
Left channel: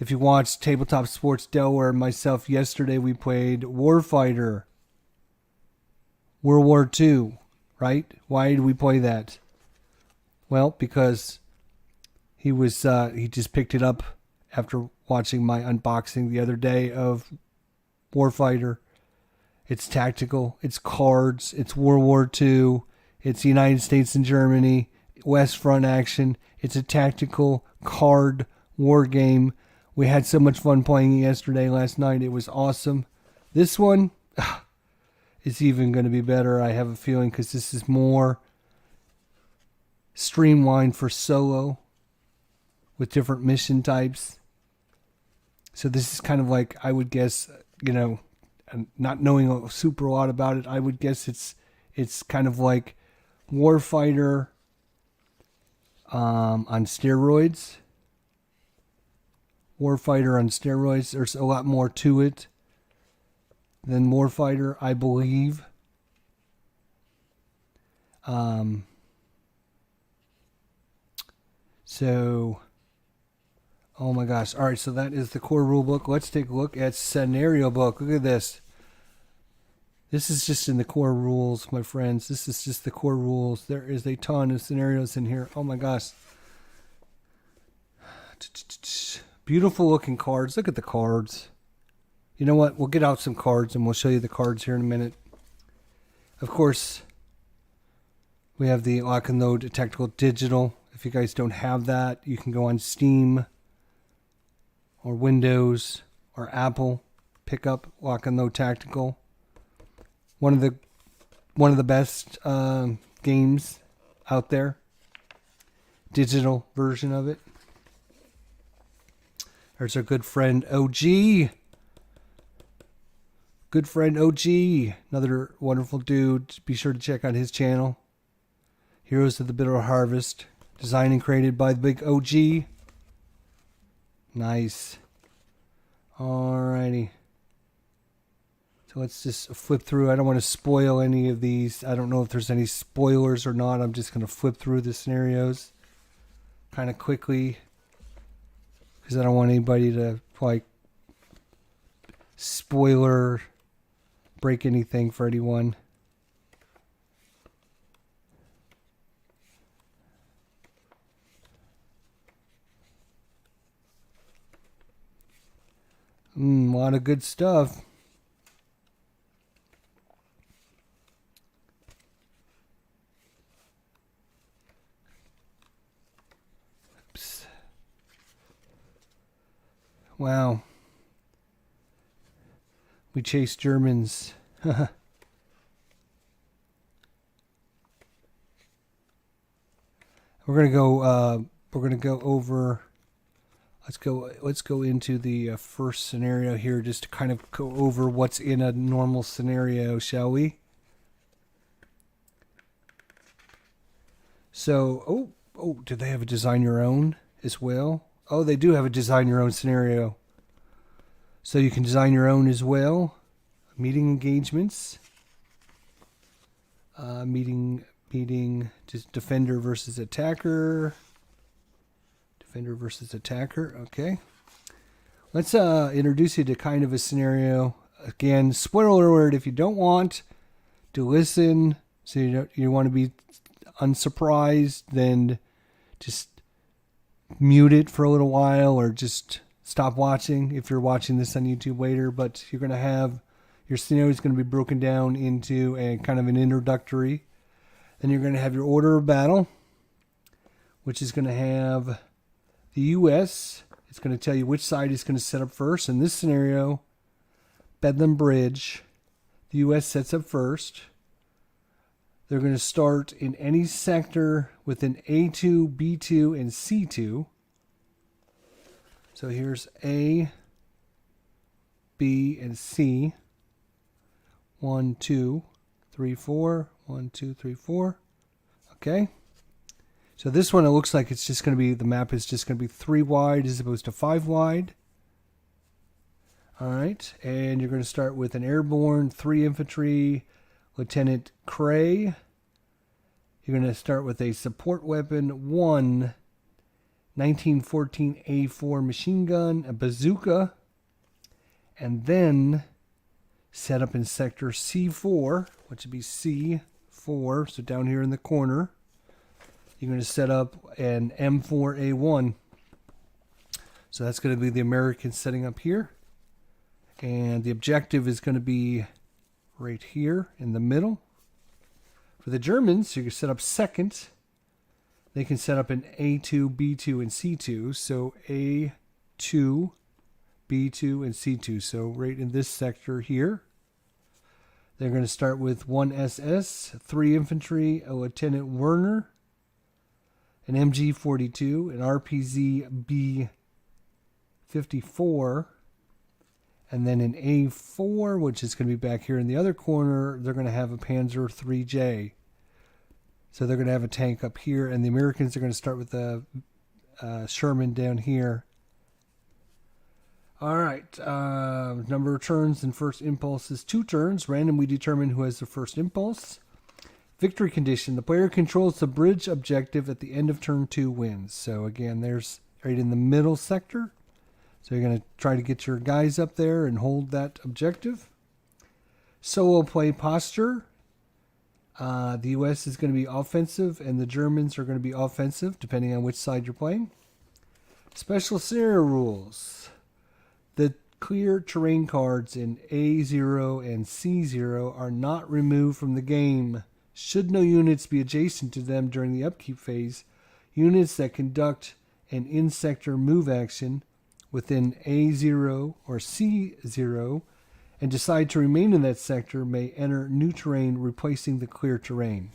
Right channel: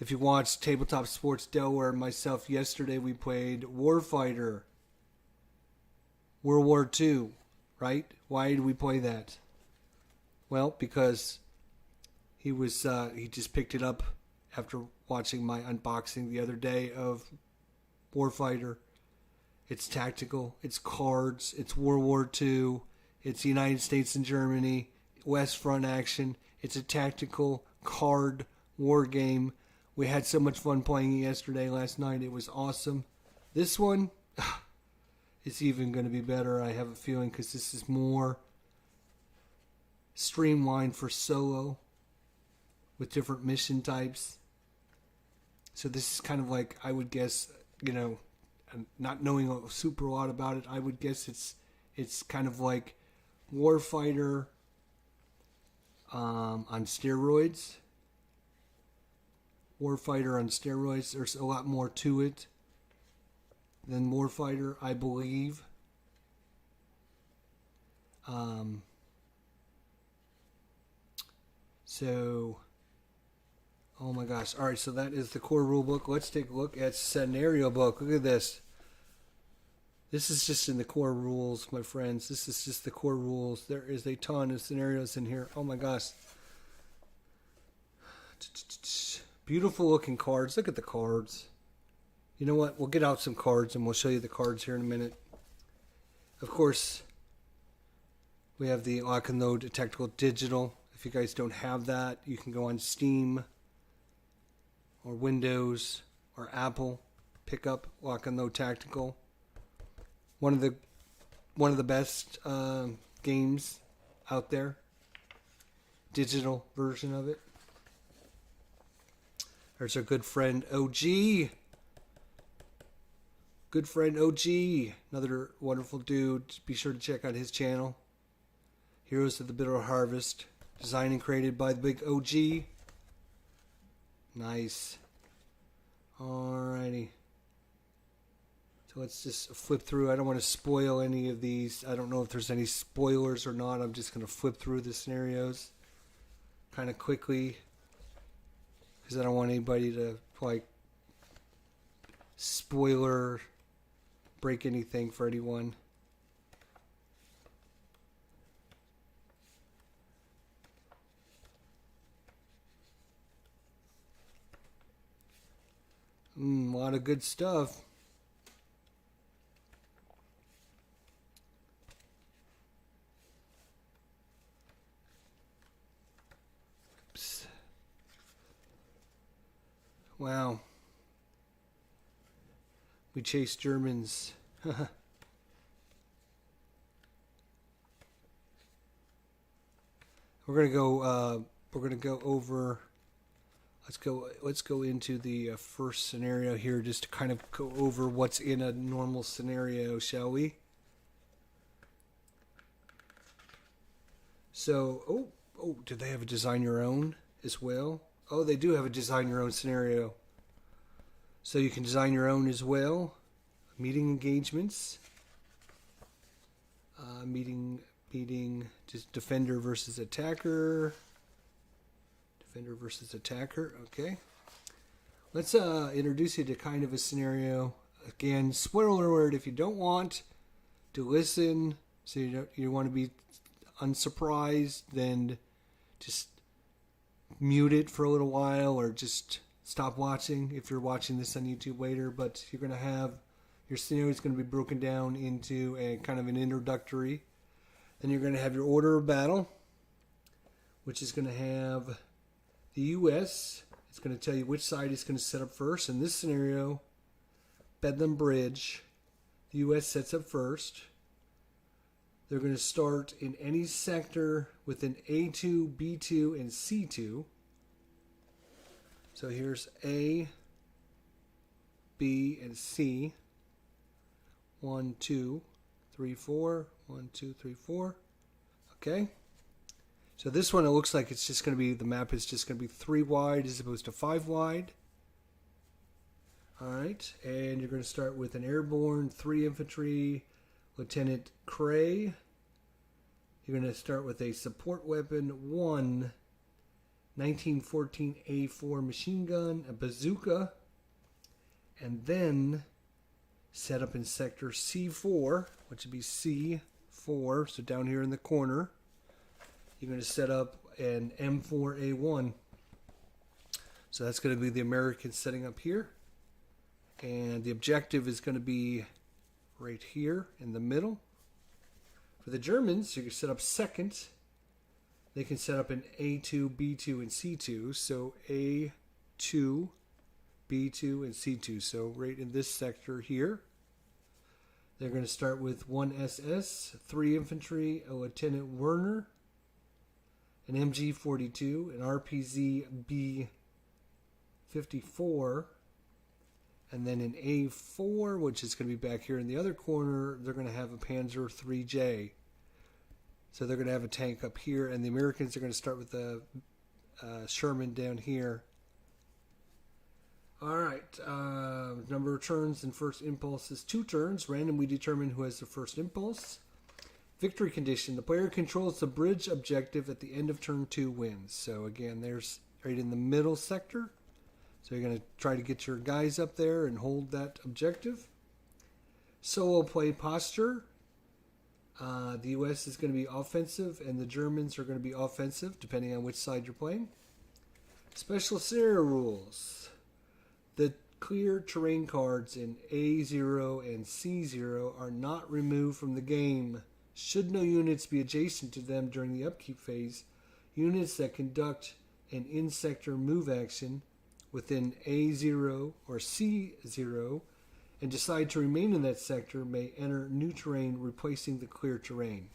If you watched Tabletop Sports Delaware and myself yesterday, we played Warfighter, World War II, right? Why did we play that? Well, because he just picked it up after watching my unboxing the other day of Warfighter. It's tactical, it's cards, it's World War II, it's United States and Germany, West Front action. It's a tactical card war game. We had so much fun playing it last night. It was awesome. This one is even going to be better, I have a feeling, because this is more streamlined for solo with different mission types. So this is kind of like, I would guess, and not knowing a super lot about it, I would guess it's kind of like Warfighter on steroids. Warfighter on steroids. There's a lot more to it than Warfighter, I believe. So, oh my gosh. All right, so that is the core rule book. Let's take a look at scenario book. Look at this. This is just in the core rules, my friends. This is just the core rules. There is a ton of scenarios in here. Oh my gosh. Beautiful looking cards. Look at the cards. You know what? We'll get out some cards and we'll show you the cards here in a minute. Of course, we have the Lock and Load Tactical Digital. If you guys don't have that, you can go on Steam or Windows or Apple. Pick up Lock and Load Tactical. One of the best games out there. Digital version of it. There's our good friend OG. Good friend OG. Another wonderful dude. Be sure to check out his channel. Heroes of the Bitter Harvest. Designed and created by the big OG. Nice. Alrighty. So let's just flip through. I don't want to spoil any of these. I don't know if there's any spoilers or not. I'm just going to flip through the scenarios kind of quickly, because I don't want anybody to spoiler break anything for anyone. A lot of good stuff. Oops. Wow. We chase Germans. We're gonna go over. Let's go into the first scenario here, just to kind of go over what's in a normal scenario, shall we? So, do they have a design your own as well? Oh, they do have a design your own scenario. So you can design your own as well. Meeting engagements. Meeting beating just defender versus attacker. Defender versus attacker. Okay. Let's introduce you to kind of a scenario. Again, spoiler alert, if you don't want to listen, so you want to be unsurprised, then just mute it for a little while or just stop watching if you're watching this on YouTube later. But you're going to have your scenario is going to be broken down into a kind of an introductory. Then you're going to have your order of battle, which is going to have the U.S. It's going to tell you which side is going to set up first. In this scenario, Bedlam Bridge, the U.S. sets up first. They're going to start in any sector within A2, B2, and C2. So here's A, B, and C. 1, 2, 3, 4. 1, 2, 3, 4. Okay. So this one, it looks like it's just going to be, the map is just going to be 3 wide as opposed to 5 wide. All right. And you're going to start with an airborne, 3 infantry, Lieutenant Cray. You're going to start with a support weapon, 1 1914 A4 machine gun, a bazooka, and then set up in sector C4, which would be C4, so down here in the corner. You're going to set up an M4A1. So that's going to be the Americans setting up here. And the objective is going to be right here in the middle. For the Germans, you can set up second. They can set up an A2, B2, and C2. So A2, B2, and C2. So right in this sector here. They're going to start with 1 SS, 3 infantry, a Lieutenant Werner, an MG42, an RPZ B54, and then an A4, which is going to be back here in the other corner. They're going to have a Panzer 3J. So they're going to have a tank up here, and the Americans are going to start with the Sherman down here. All right. Number of turns and first impulse is 2 turns. Randomly determine who has the first impulse. Victory condition. The player controls the bridge objective at the end of turn 2 wins. So again, there's right in the middle sector. So you're going to try to get your guys up there and hold that objective. Solo play posture. The U.S. is going to be offensive and the Germans are going to be offensive, depending on which side you're playing. Special scenario rules. The clear terrain cards in A0 and C0 are not removed from the game. Should no units be adjacent to them during the upkeep phase, units that conduct an in-sector move action within A0 or C0 and decide to remain in that sector may enter new terrain replacing the clear terrain.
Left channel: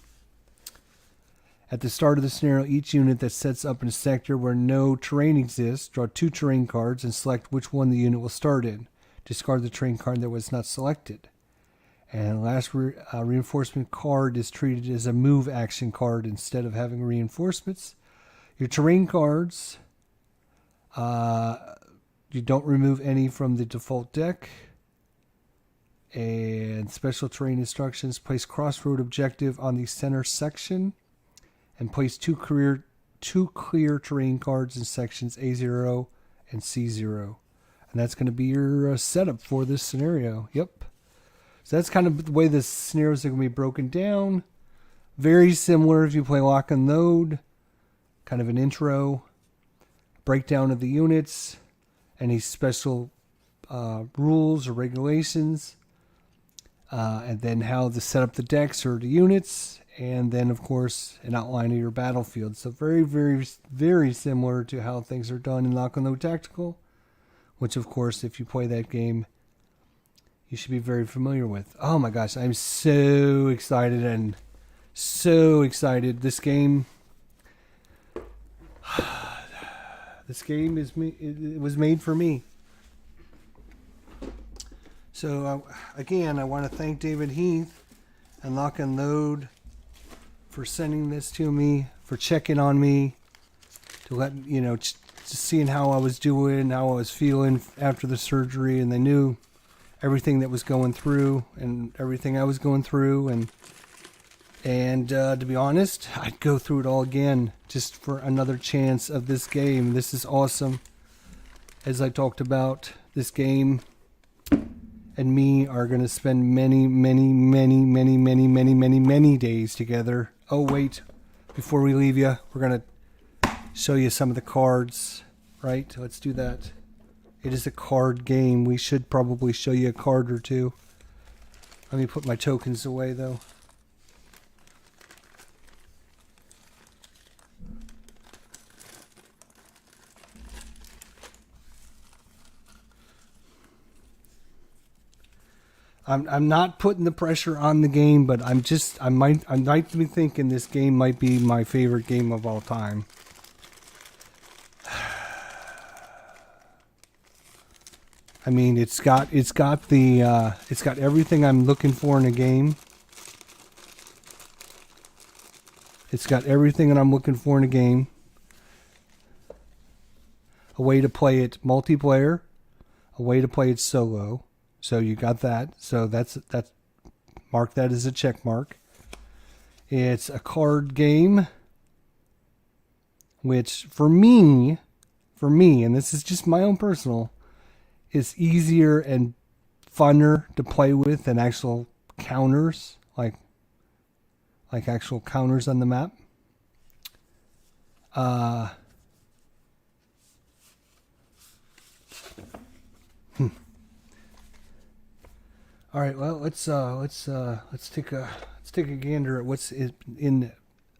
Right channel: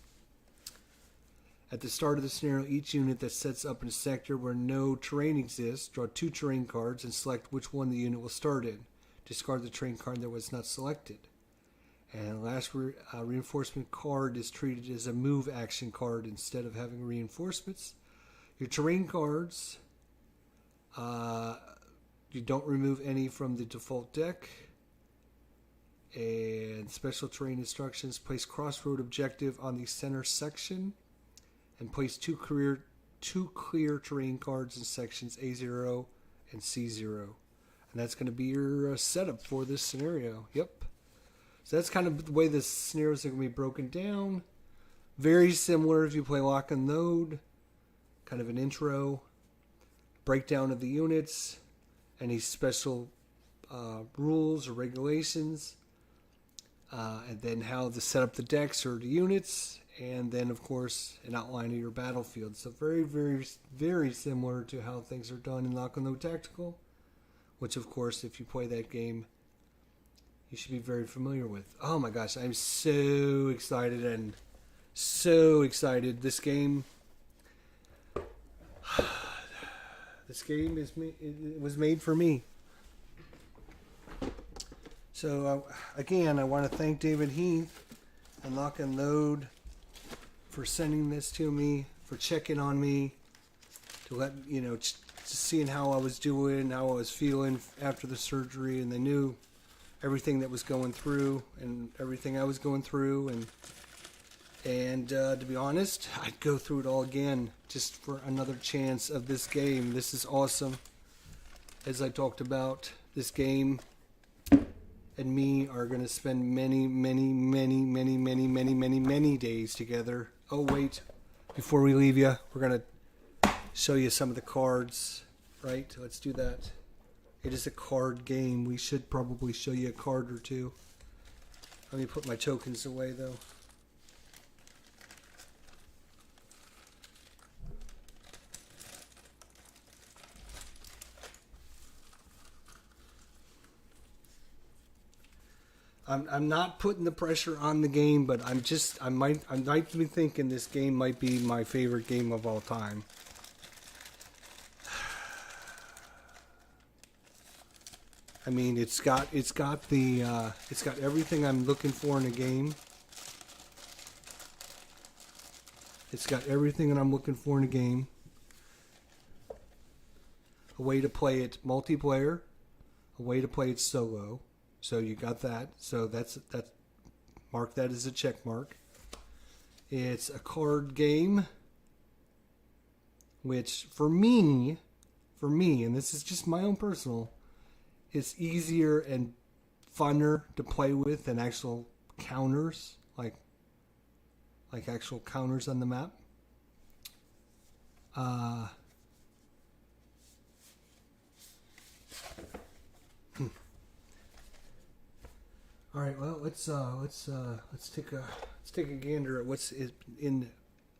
At the start of the scenario, each unit that sets up in a sector where no terrain exists, draw 2 terrain cards and select which one the unit will start in. Discard the terrain card that was not selected. And last reinforcement card is treated as a move action card instead of having reinforcements. Your terrain cards, you don't remove any from the default deck. And special terrain instructions, place crossroad objective on the center section. And place 2 clear terrain cards in sections A0 and C0. And that's going to be your setup for this scenario. Yep. So that's kind of the way the scenarios are going to be broken down. Very similar if you play Lock and Load. Kind of an intro. Breakdown of the units. Any special rules or regulations. And then how to set up the decks or the units. And then, of course, an outline of your battlefield. So very, very, very similar to how things are done in Lock and Load Tactical. Which, of course, if you play that game, you should be very familiar with. Oh my gosh, I'm so excited and so excited. This game, it was made for me. So again, I want to thank David Heath and Lock and Load for sending this to me, for checking on me, to let just seeing how I was doing, how I was feeling after the surgery, and they knew everything that was going through and everything I was going through, and And to be honest, I'd go through it all again just for another chance of this game. This is awesome. As I talked about, this game and me are going to spend many, many, many, many, many, many, many, many days together. Oh, wait. Before we leave you, we're going to show you some of the cards. Right? Let's do that. It is a card game. We should probably show you a card or two. Let me put my tokens away, though. I'm not putting the pressure on the game, but I might be thinking this game might be my favorite game of all time. I mean, it's got everything I'm looking for in a game. It's got everything that I'm looking for in a game. A way to play it multiplayer, a way to play it solo. So you got that. So that's mark that as a check mark. It's a card game, which for me, and this is just my own personal, is easier and funner to play with than actual counters, like actual counters on the map. All right, well, let's take a gander at what's in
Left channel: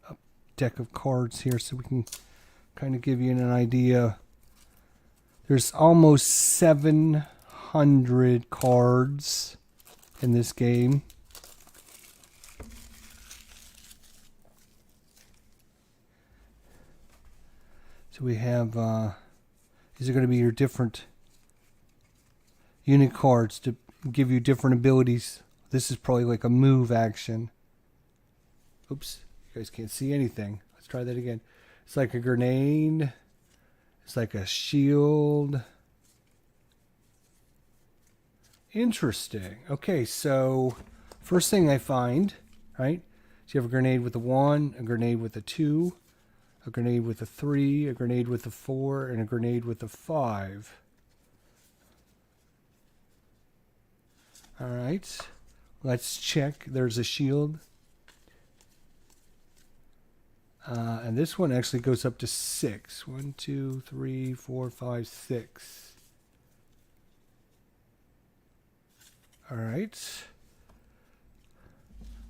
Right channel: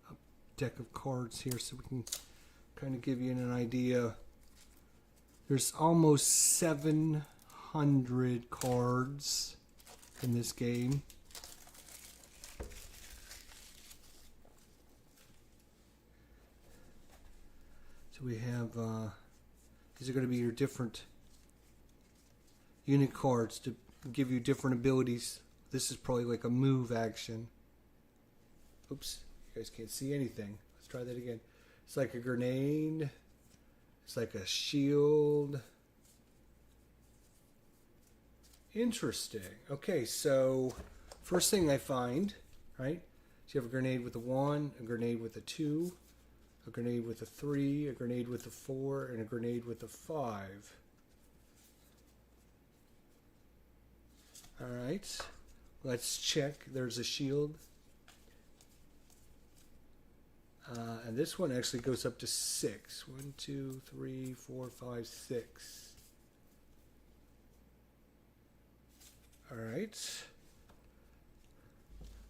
a deck of cards here, so we can kind of give you an idea. There's almost 700 cards in this game. So we have these are going to be your different unit cards to give you different abilities. This is probably like a move action. Oops, you guys can't see anything. Let's try that again. It's like a grenade. It's like a shield. Interesting. Okay, so first thing I find, right? So you have a grenade with a 1, a grenade with a 2, a grenade with a 3, a grenade with a 4, and a grenade with a 5. All right, let's check. There's a shield. And this one actually goes up to 6. 1, 2, 3, 4, 5, 6. All right.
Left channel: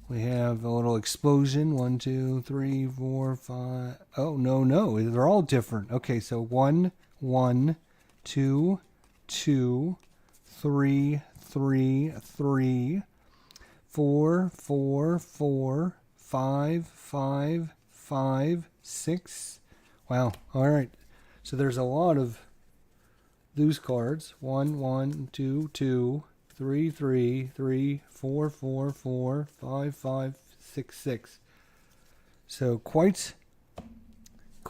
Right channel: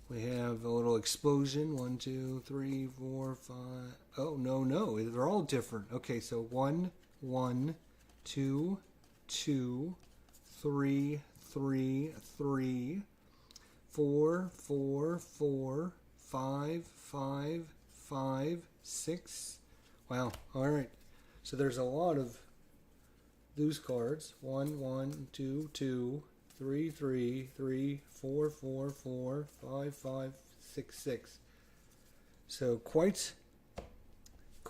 We have a little explosion. 1, 2, 3, 4, 5. Oh, no. They're all different. Okay, so 1, 1, 2, 2, 3, 3, 3, 4, 4, 4, 5, 5, 5, 6. Wow. All right. So there's a lot of those cards. 1, 1, 2, 2, 3, 3, 3, 4, 4, 4, 5, 5, 6, 6. So quite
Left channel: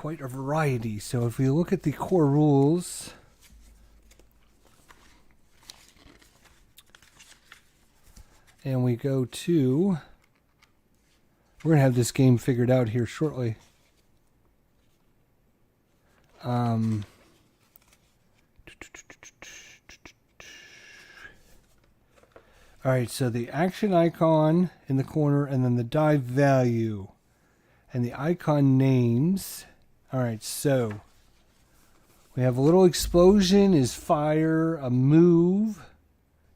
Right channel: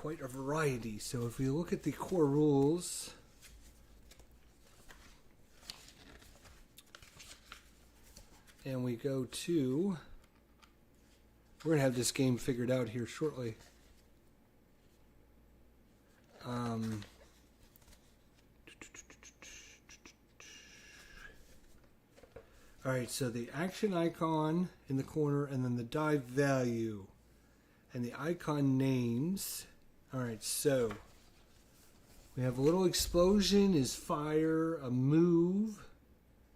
a variety. So if we look at the core rules, and we go to, we're going to have this game figured out here shortly. All right, so the action icon in the corner, and then the dive value, and the icon names. All right, so we have a little explosion is fire, a move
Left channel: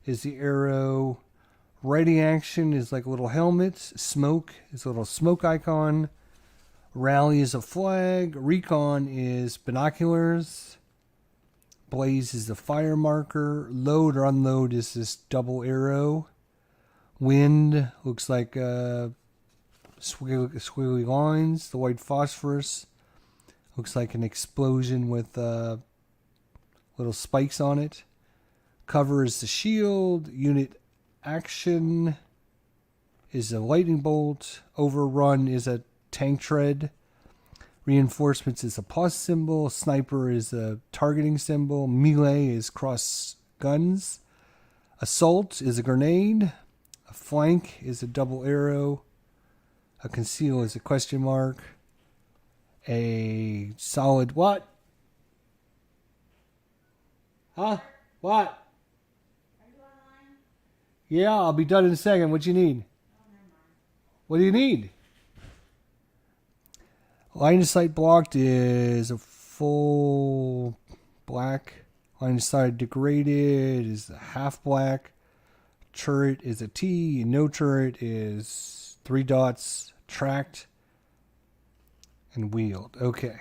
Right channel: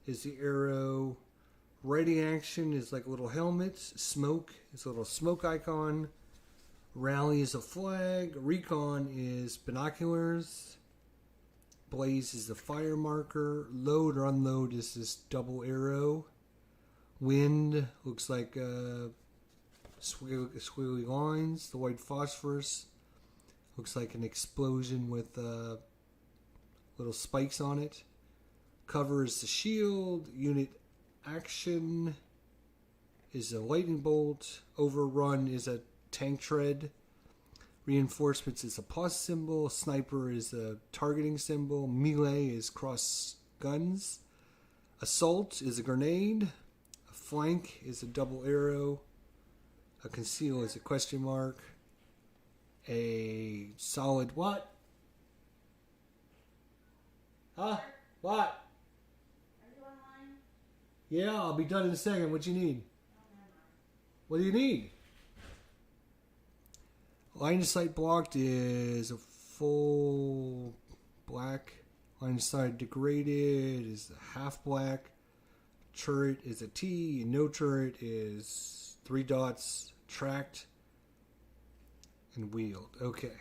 is the arrow, ready action is like a little helmet, smoke is a little smoke icon, rally is a flag, recon is binoculars, blaze is the fire marker, load or unload is this double arrow, wind looks like squiggly lines, the white phosphorus looks like an explosion with little spikes on it, cover is the shield, unit action is a lightning bolt, overrun is a tank tread, reinforcements is a plus symbol, sniper is a targeting symbol, melee is cross guns, assault is a grenade, a flank is a double arrow, A conceal is a question mark. A solid what? Huh? What? Yeah, I'll be done in a second. What you need? What do you need? Line of sight blocked is a full black. Line of sight degraded is a half black. Turret is a T. No turret is 3 dots. Tracked and wheeled. Okay.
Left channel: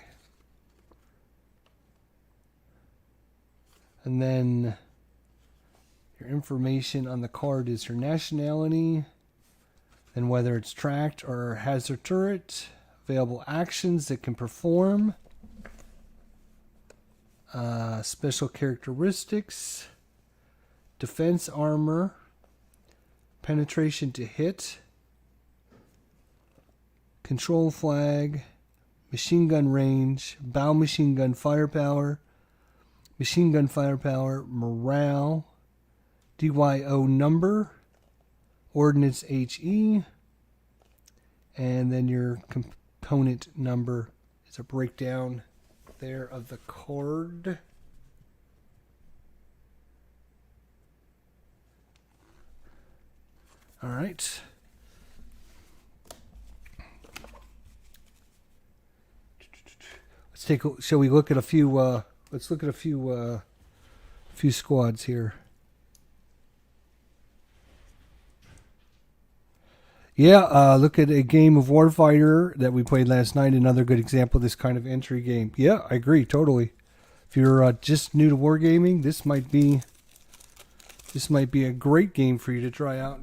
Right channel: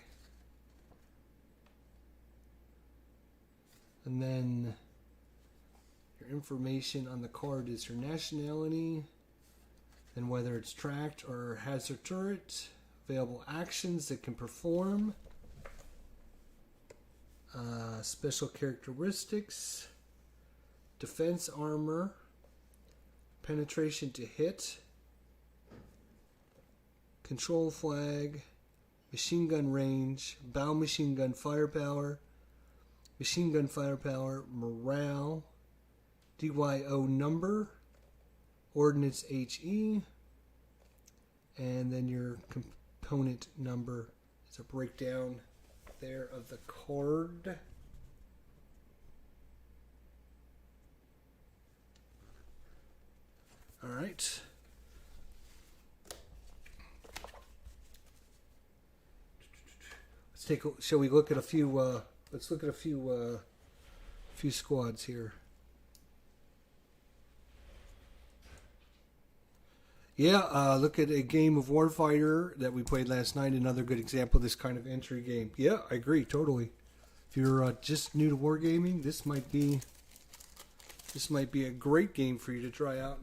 And then your information on the card is your nationality, and whether it's tracked or has a turret, available actions that can perform, special characteristics, defense armor, penetration to hit, control flag, machine gun range, bow machine gun firepower, morale, DYO number, ordnance HE, and then your component number is a breakdown there of the card. All right. Shall we look at a few? Let's look at a few squads here. Yeah, look at a game of Warfighter that we played last night. Another good example of this kind of entry game. Yeah, I agree totally. If you're just new to wargaming, this might be a great game for you to try out.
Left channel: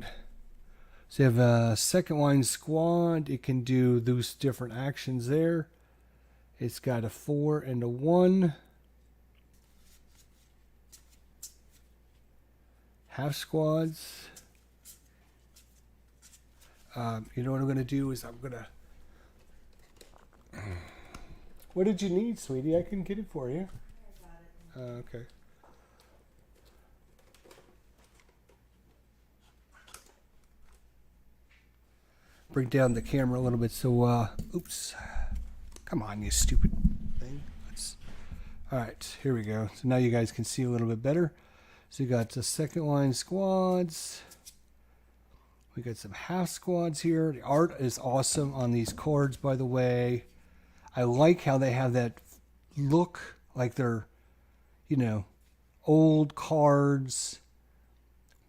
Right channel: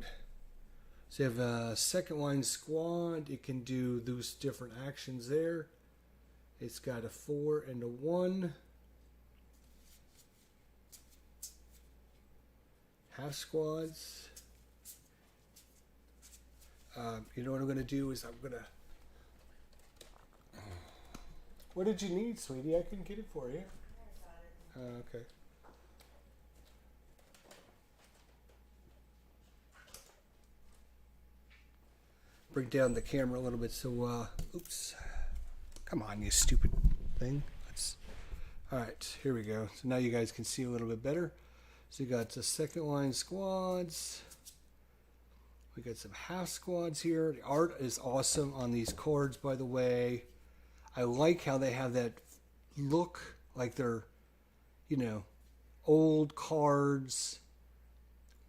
So you have a second line squad. It can do those different actions there. It's got a 4 and a 1. Half squads. You know what I'm going to do is I'm going to... What did you need, sweetie? I can get it for you. Okay. Bring down the camera a little bit so... oops. Come on, you stupid thing. All right, here we go. So now you guys can see a little bit better. So you got the second line squads. We got some half squads here. The art is awesome on these cards, by the way. I like how they have that look like they're, old cards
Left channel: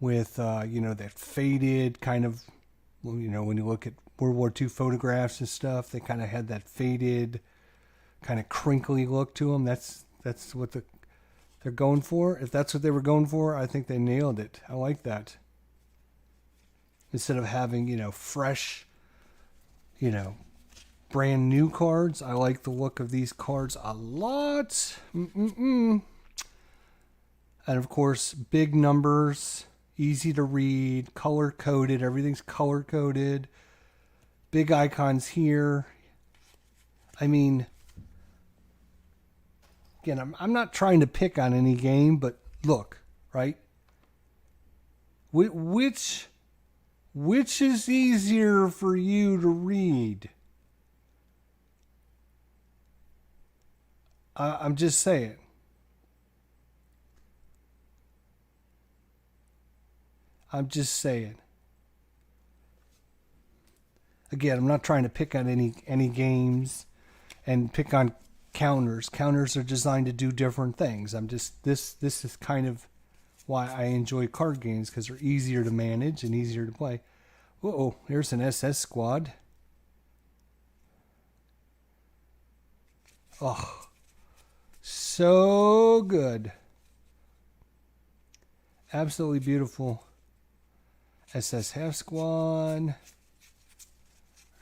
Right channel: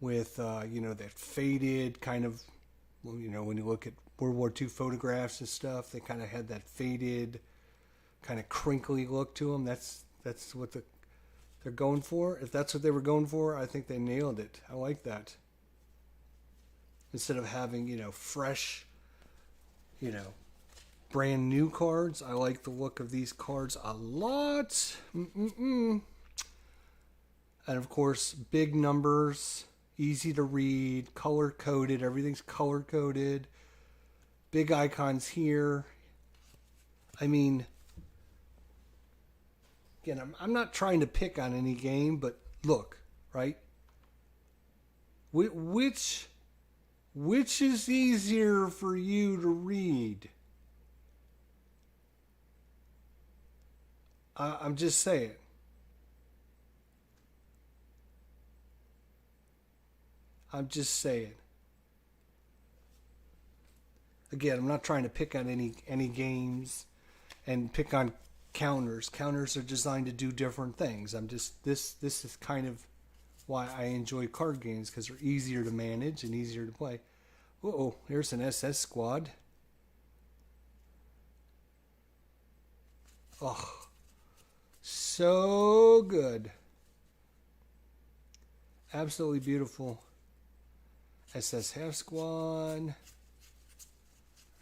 with, that faded kind of, when you look at World War II photographs and stuff, they kind of had that faded, kind of crinkly look to them. That's what they're going for. If that's what they were going for, I think they nailed it. I like that. Instead of having, fresh, brand new cards, I like the look of these cards a lot. And of course, big numbers, easy to read, color coded. Everything's color coded. Big icons here. I mean, again, I'm not trying to pick on any game, but look, right? Which is easier for you to read? I'm just saying. Again, I'm not trying to pick on any games and pick on counters. Counters are designed to do different things. This is kind of why I enjoy card games, because they're easier to manage and easier to play. Uh-oh, here's an SS squad. Oh, so good. Absolutely beautiful. SS half squad.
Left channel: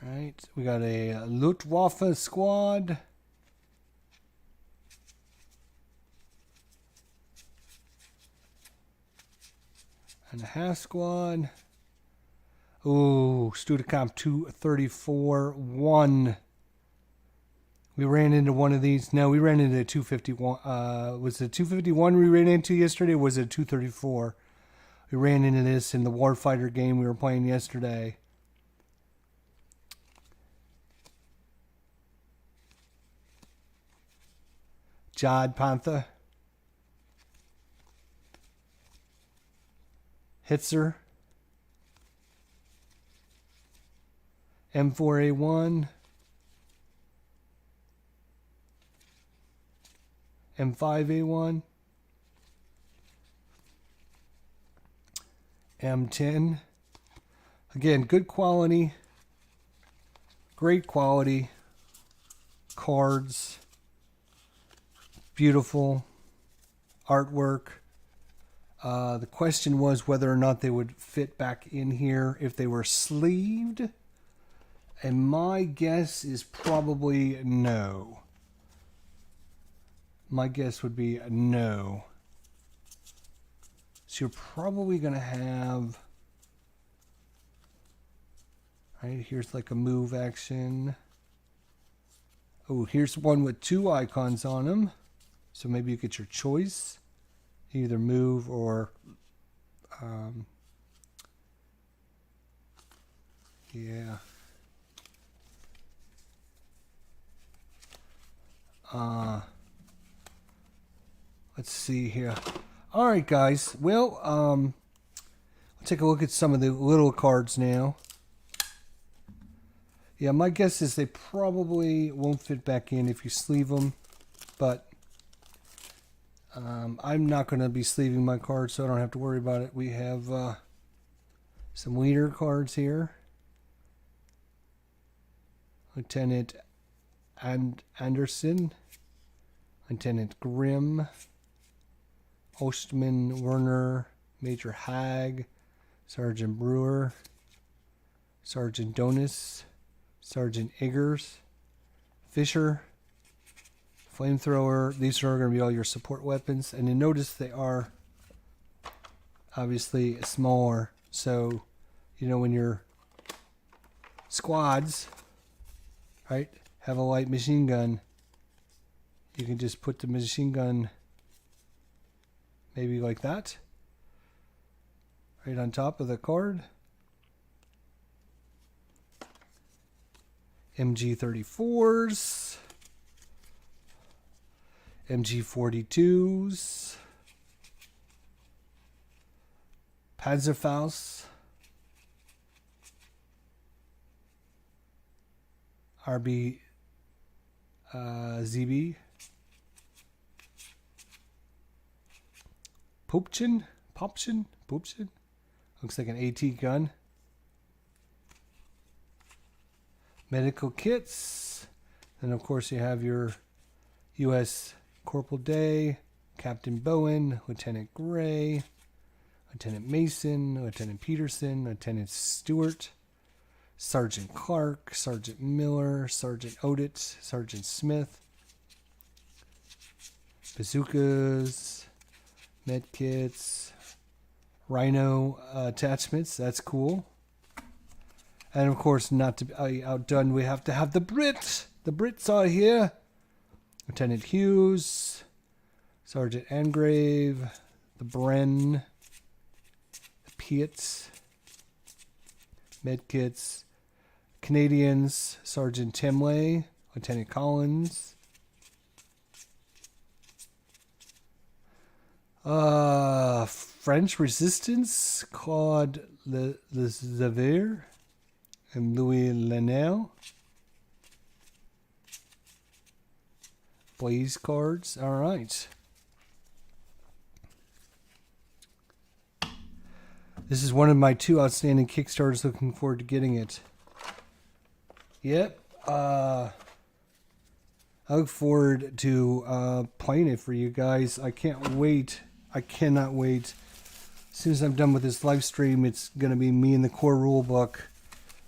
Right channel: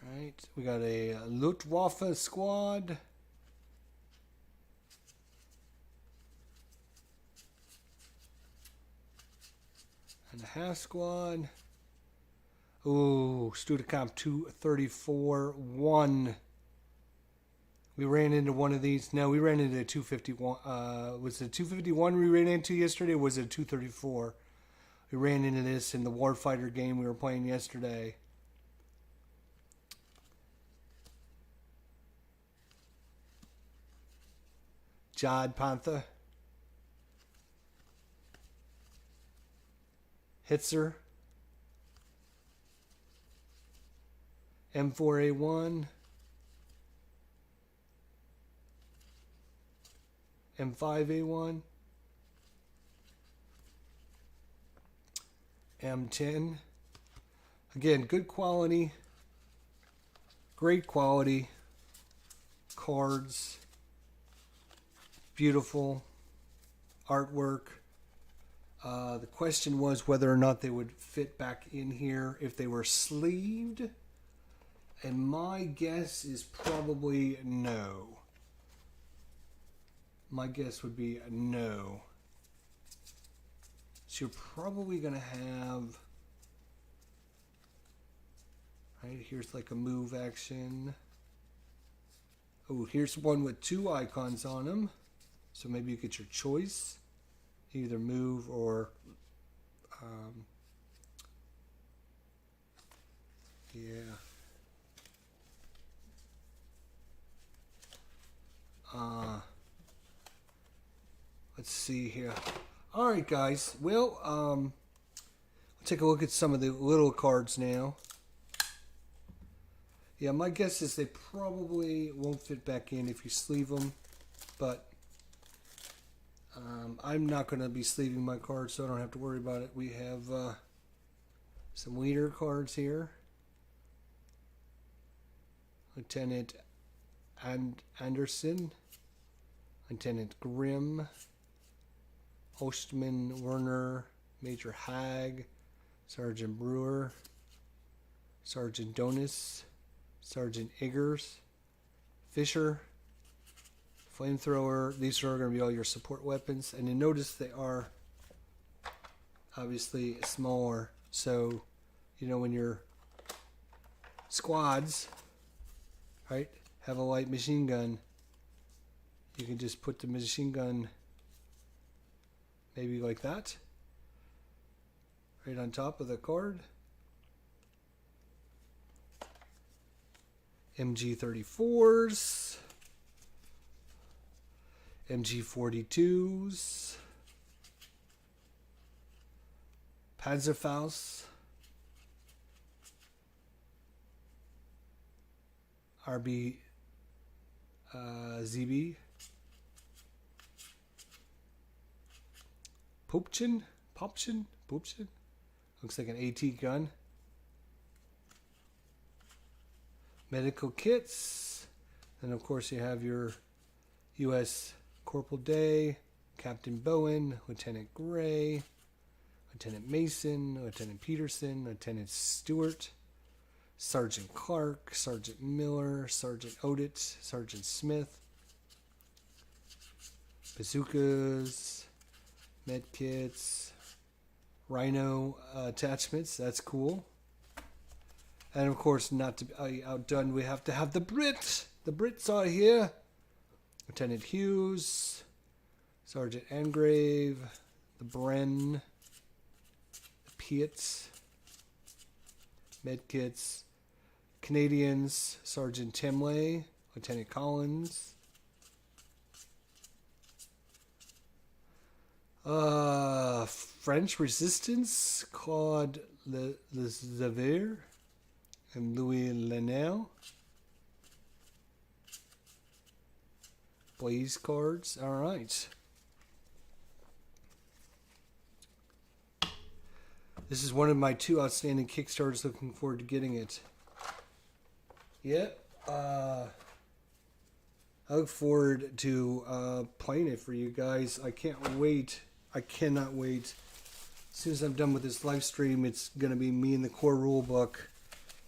All right, we got a Luftwaffe squad. And a half squad. Ooh, Studicomp 234-1. We ran into one of these. No, we ran into a 251. Was it 251 we ran into yesterday, or was it 234? We ran into this in the Warfighter game we were playing yesterday. Jod Panther, Hitzer, M4A1, M5A1, M10. Again, good quality, great quality cards, beautiful artwork. The question was whether or not they would fit back in here if they were sleeved. And my guess is probably no. My guess would be no. So you're probably going to have... Right, here's like a move action. Oh, here's one with 2 icons on them. So maybe you get your choice. Either move or... yeah. Let's see here. All right, guys. Well, we'll take a look at some of the little cards now. Yeah, my guess is they probably won't fit back in if you sleeve them, but I'm not going to be sleeving my cards, so I don't have to worry about it. We have some leader cards here. Lieutenant Anderson, Lieutenant Grimm, Ostman Werner, Major Hag, Sergeant Brewer, Sergeant Donis, Sergeant Eggers, Fisher, Flamethrower. These are going to be all your support weapons. And you notice they are obviously smaller. So, you know, when your squads, right, have a light machine gun, you can just put the machine gun maybe like that, right on top of the card. MG34s, MG42s, Panzerfaust, RB ZB, Popchin, looks like an AT gun. Medical kits. Then, of course, you have your U.S. Corporal Day, Captain Bowen, Lieutenant Gray, Lieutenant Mason, Lieutenant Peterson, Lieutenant Stewart, Sergeant Clark, Sergeant Miller, Sergeant Odit, Sergeant Smith, bazookas, med kits, rhino attachments. That's cool. And of course, not to be outdone, we have to have the Brits. The Brits are here. Lieutenant Hughes, Sergeant Angrave, the Bren, the Piets, medkits, Canadians, Sergeant Timley, Lieutenant Collins, French Resistance, Claude Lezevier, and Louis Lenel. Blaze cards. All right. This is one of my 2 outstanding Kickstarters. Looking forward to getting it. Yep. I look forward to playing it for you guys. I can't wait. I cannot wait. As soon as I'm done with this live stream, it's going to be me and the core rulebook.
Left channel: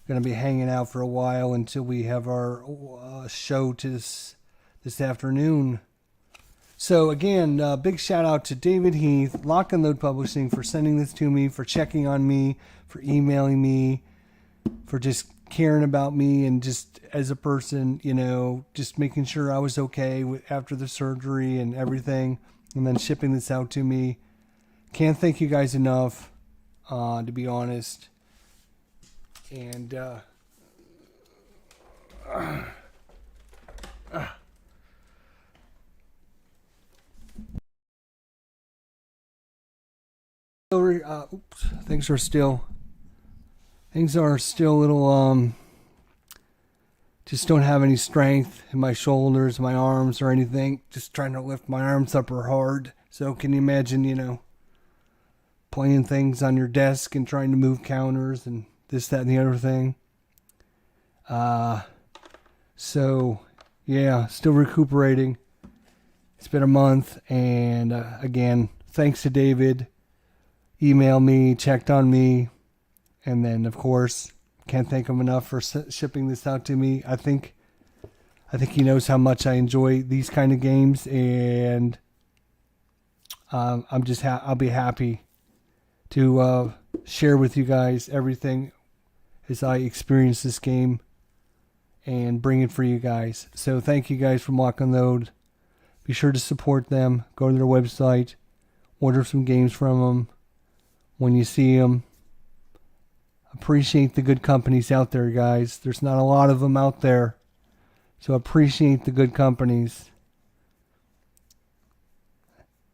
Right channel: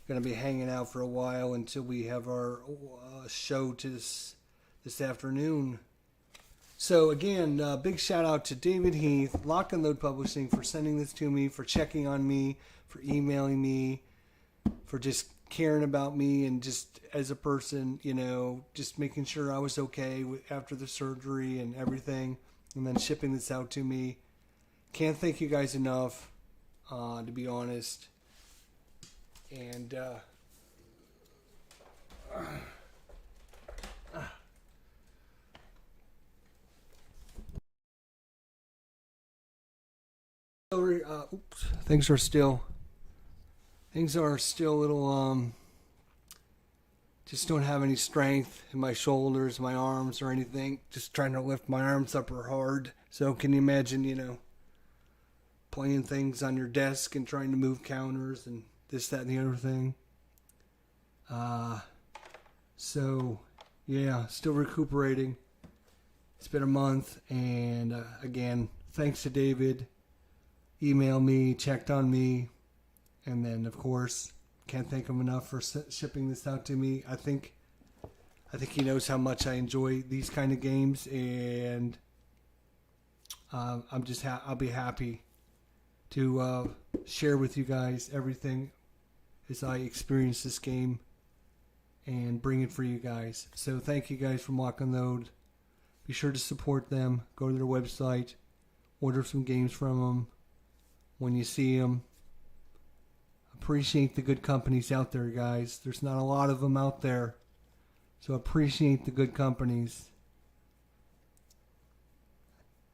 Going to be hanging out for a while until we have our show to this afternoon. So again, big shout out to David Heath, Lock and Load Publishing, for sending this to me, for checking on me, for emailing me, for just caring about me and just as a person, you know, just making sure I was okay after the surgery and everything, and then shipping this out to me. Can't thank you guys enough, to be honest. And Things are still a little just don't have any strength in my shoulders, my arms, or anything. Just trying to lift my arms up are hard. So can you imagine, playing things on your desk and trying to move counters and this, that, and the other thing. So yeah, still recuperating. It's been a month, and again, thanks to David. Emailed me, checked on me, and then of course, can't thank him enough for shipping this out to me. I think he knows how much I enjoy these kind of games, and I'll be happy to share with you guys everything as I experience this game and bring it for you guys. So thank you guys from Lock and Load. Be sure to support them. Go to their website, order some games from them when you see them. Appreciate the good companies out there, guys. There's not a lot of them out there. So appreciate the good companies.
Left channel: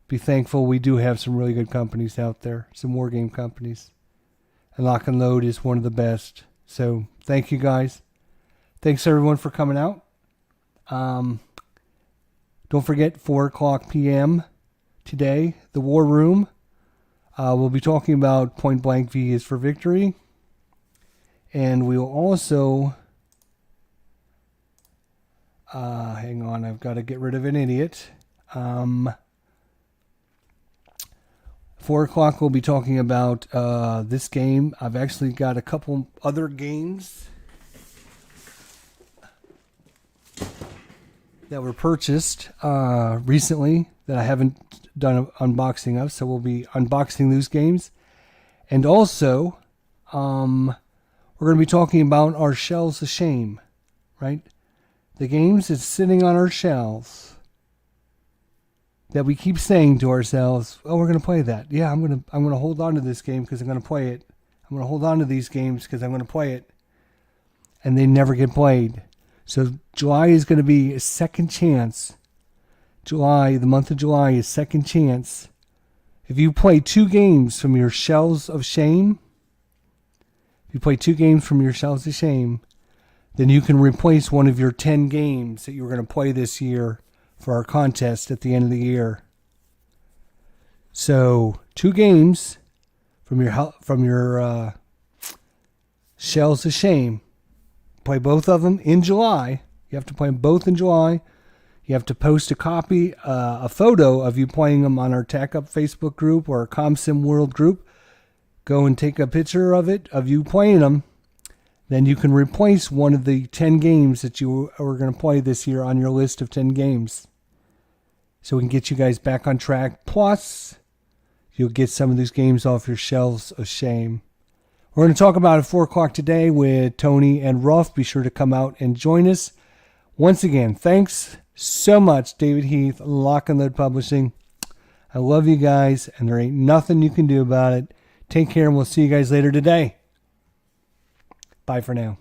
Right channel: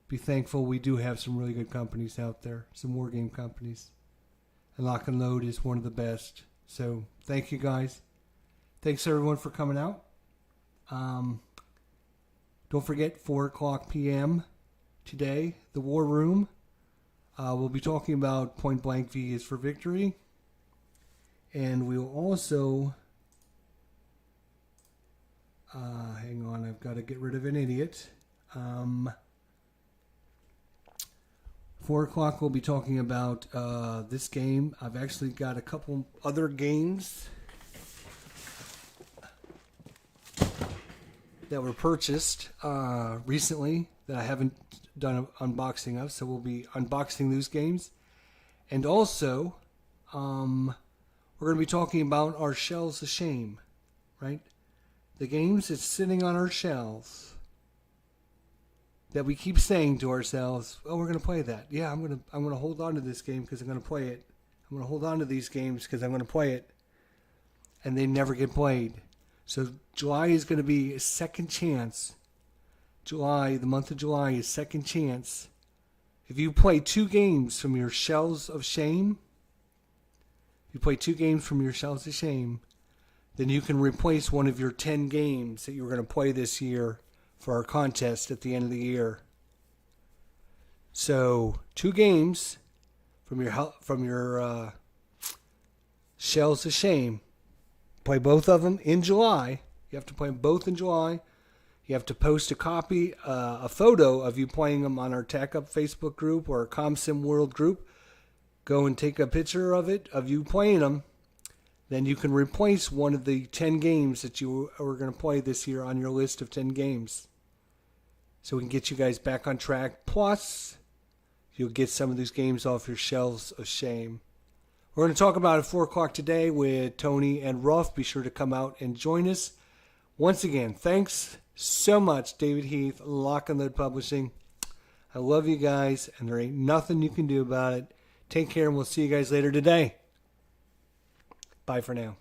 Be thankful we do have some really good companies out there. Some war game companies. And Lock and Load is one of the best. So thank you, guys. Thanks, everyone, for coming out. Don't forget, 4 o'clock p.m. today, the War Room. We'll be talking about Point Blank V is for Victory. And we'll also... hang on, I've got to get rid of an idiot. 4 o'clock, we'll be talking about this game. I've actually got a couple other games that were purchased recently that I haven't done an unboxing of, so we'll be unboxing those games. And also, we're going to be talking about our Shelves of Shame, right? The games that's sitting on our shelves that we keep saying to ourselves, "Oh, we're going to play that. Yeah, I'm going to hold on to this game because I'm going to play it. I'm going to hold on to these games because I'm going to play it," and they never get played. So July is going to be a second chance. The month of July is second chance. If you play 2 games from your Shelves of Shame, then you can replace one of your 10 games that you were going to play this year for our contest at the end of the year. So 2 games from your Shelves of Shame. Play both of them in July. You have to play them both in July. You have to post a copy, a photo of you playing them on our Tack Up Facebook group or ComSim World group. Go and take a picture of it, of you playing them. Then you can replace one of the 10 games that you are going to play this year on your list of 10 games. So we can get you guys back on track. Plus, you'll get some of these games off your Shelves of Shame. We're going to talk about it at 4 o'clock today with Tony and Ruff. Be sure to come out and join us. Once again, thanks so much, David Heath, Lock and Load Publishing. I love you guys, and there ain't nothing you can do about it. Take care, and we'll see you guys later today. Bye for now.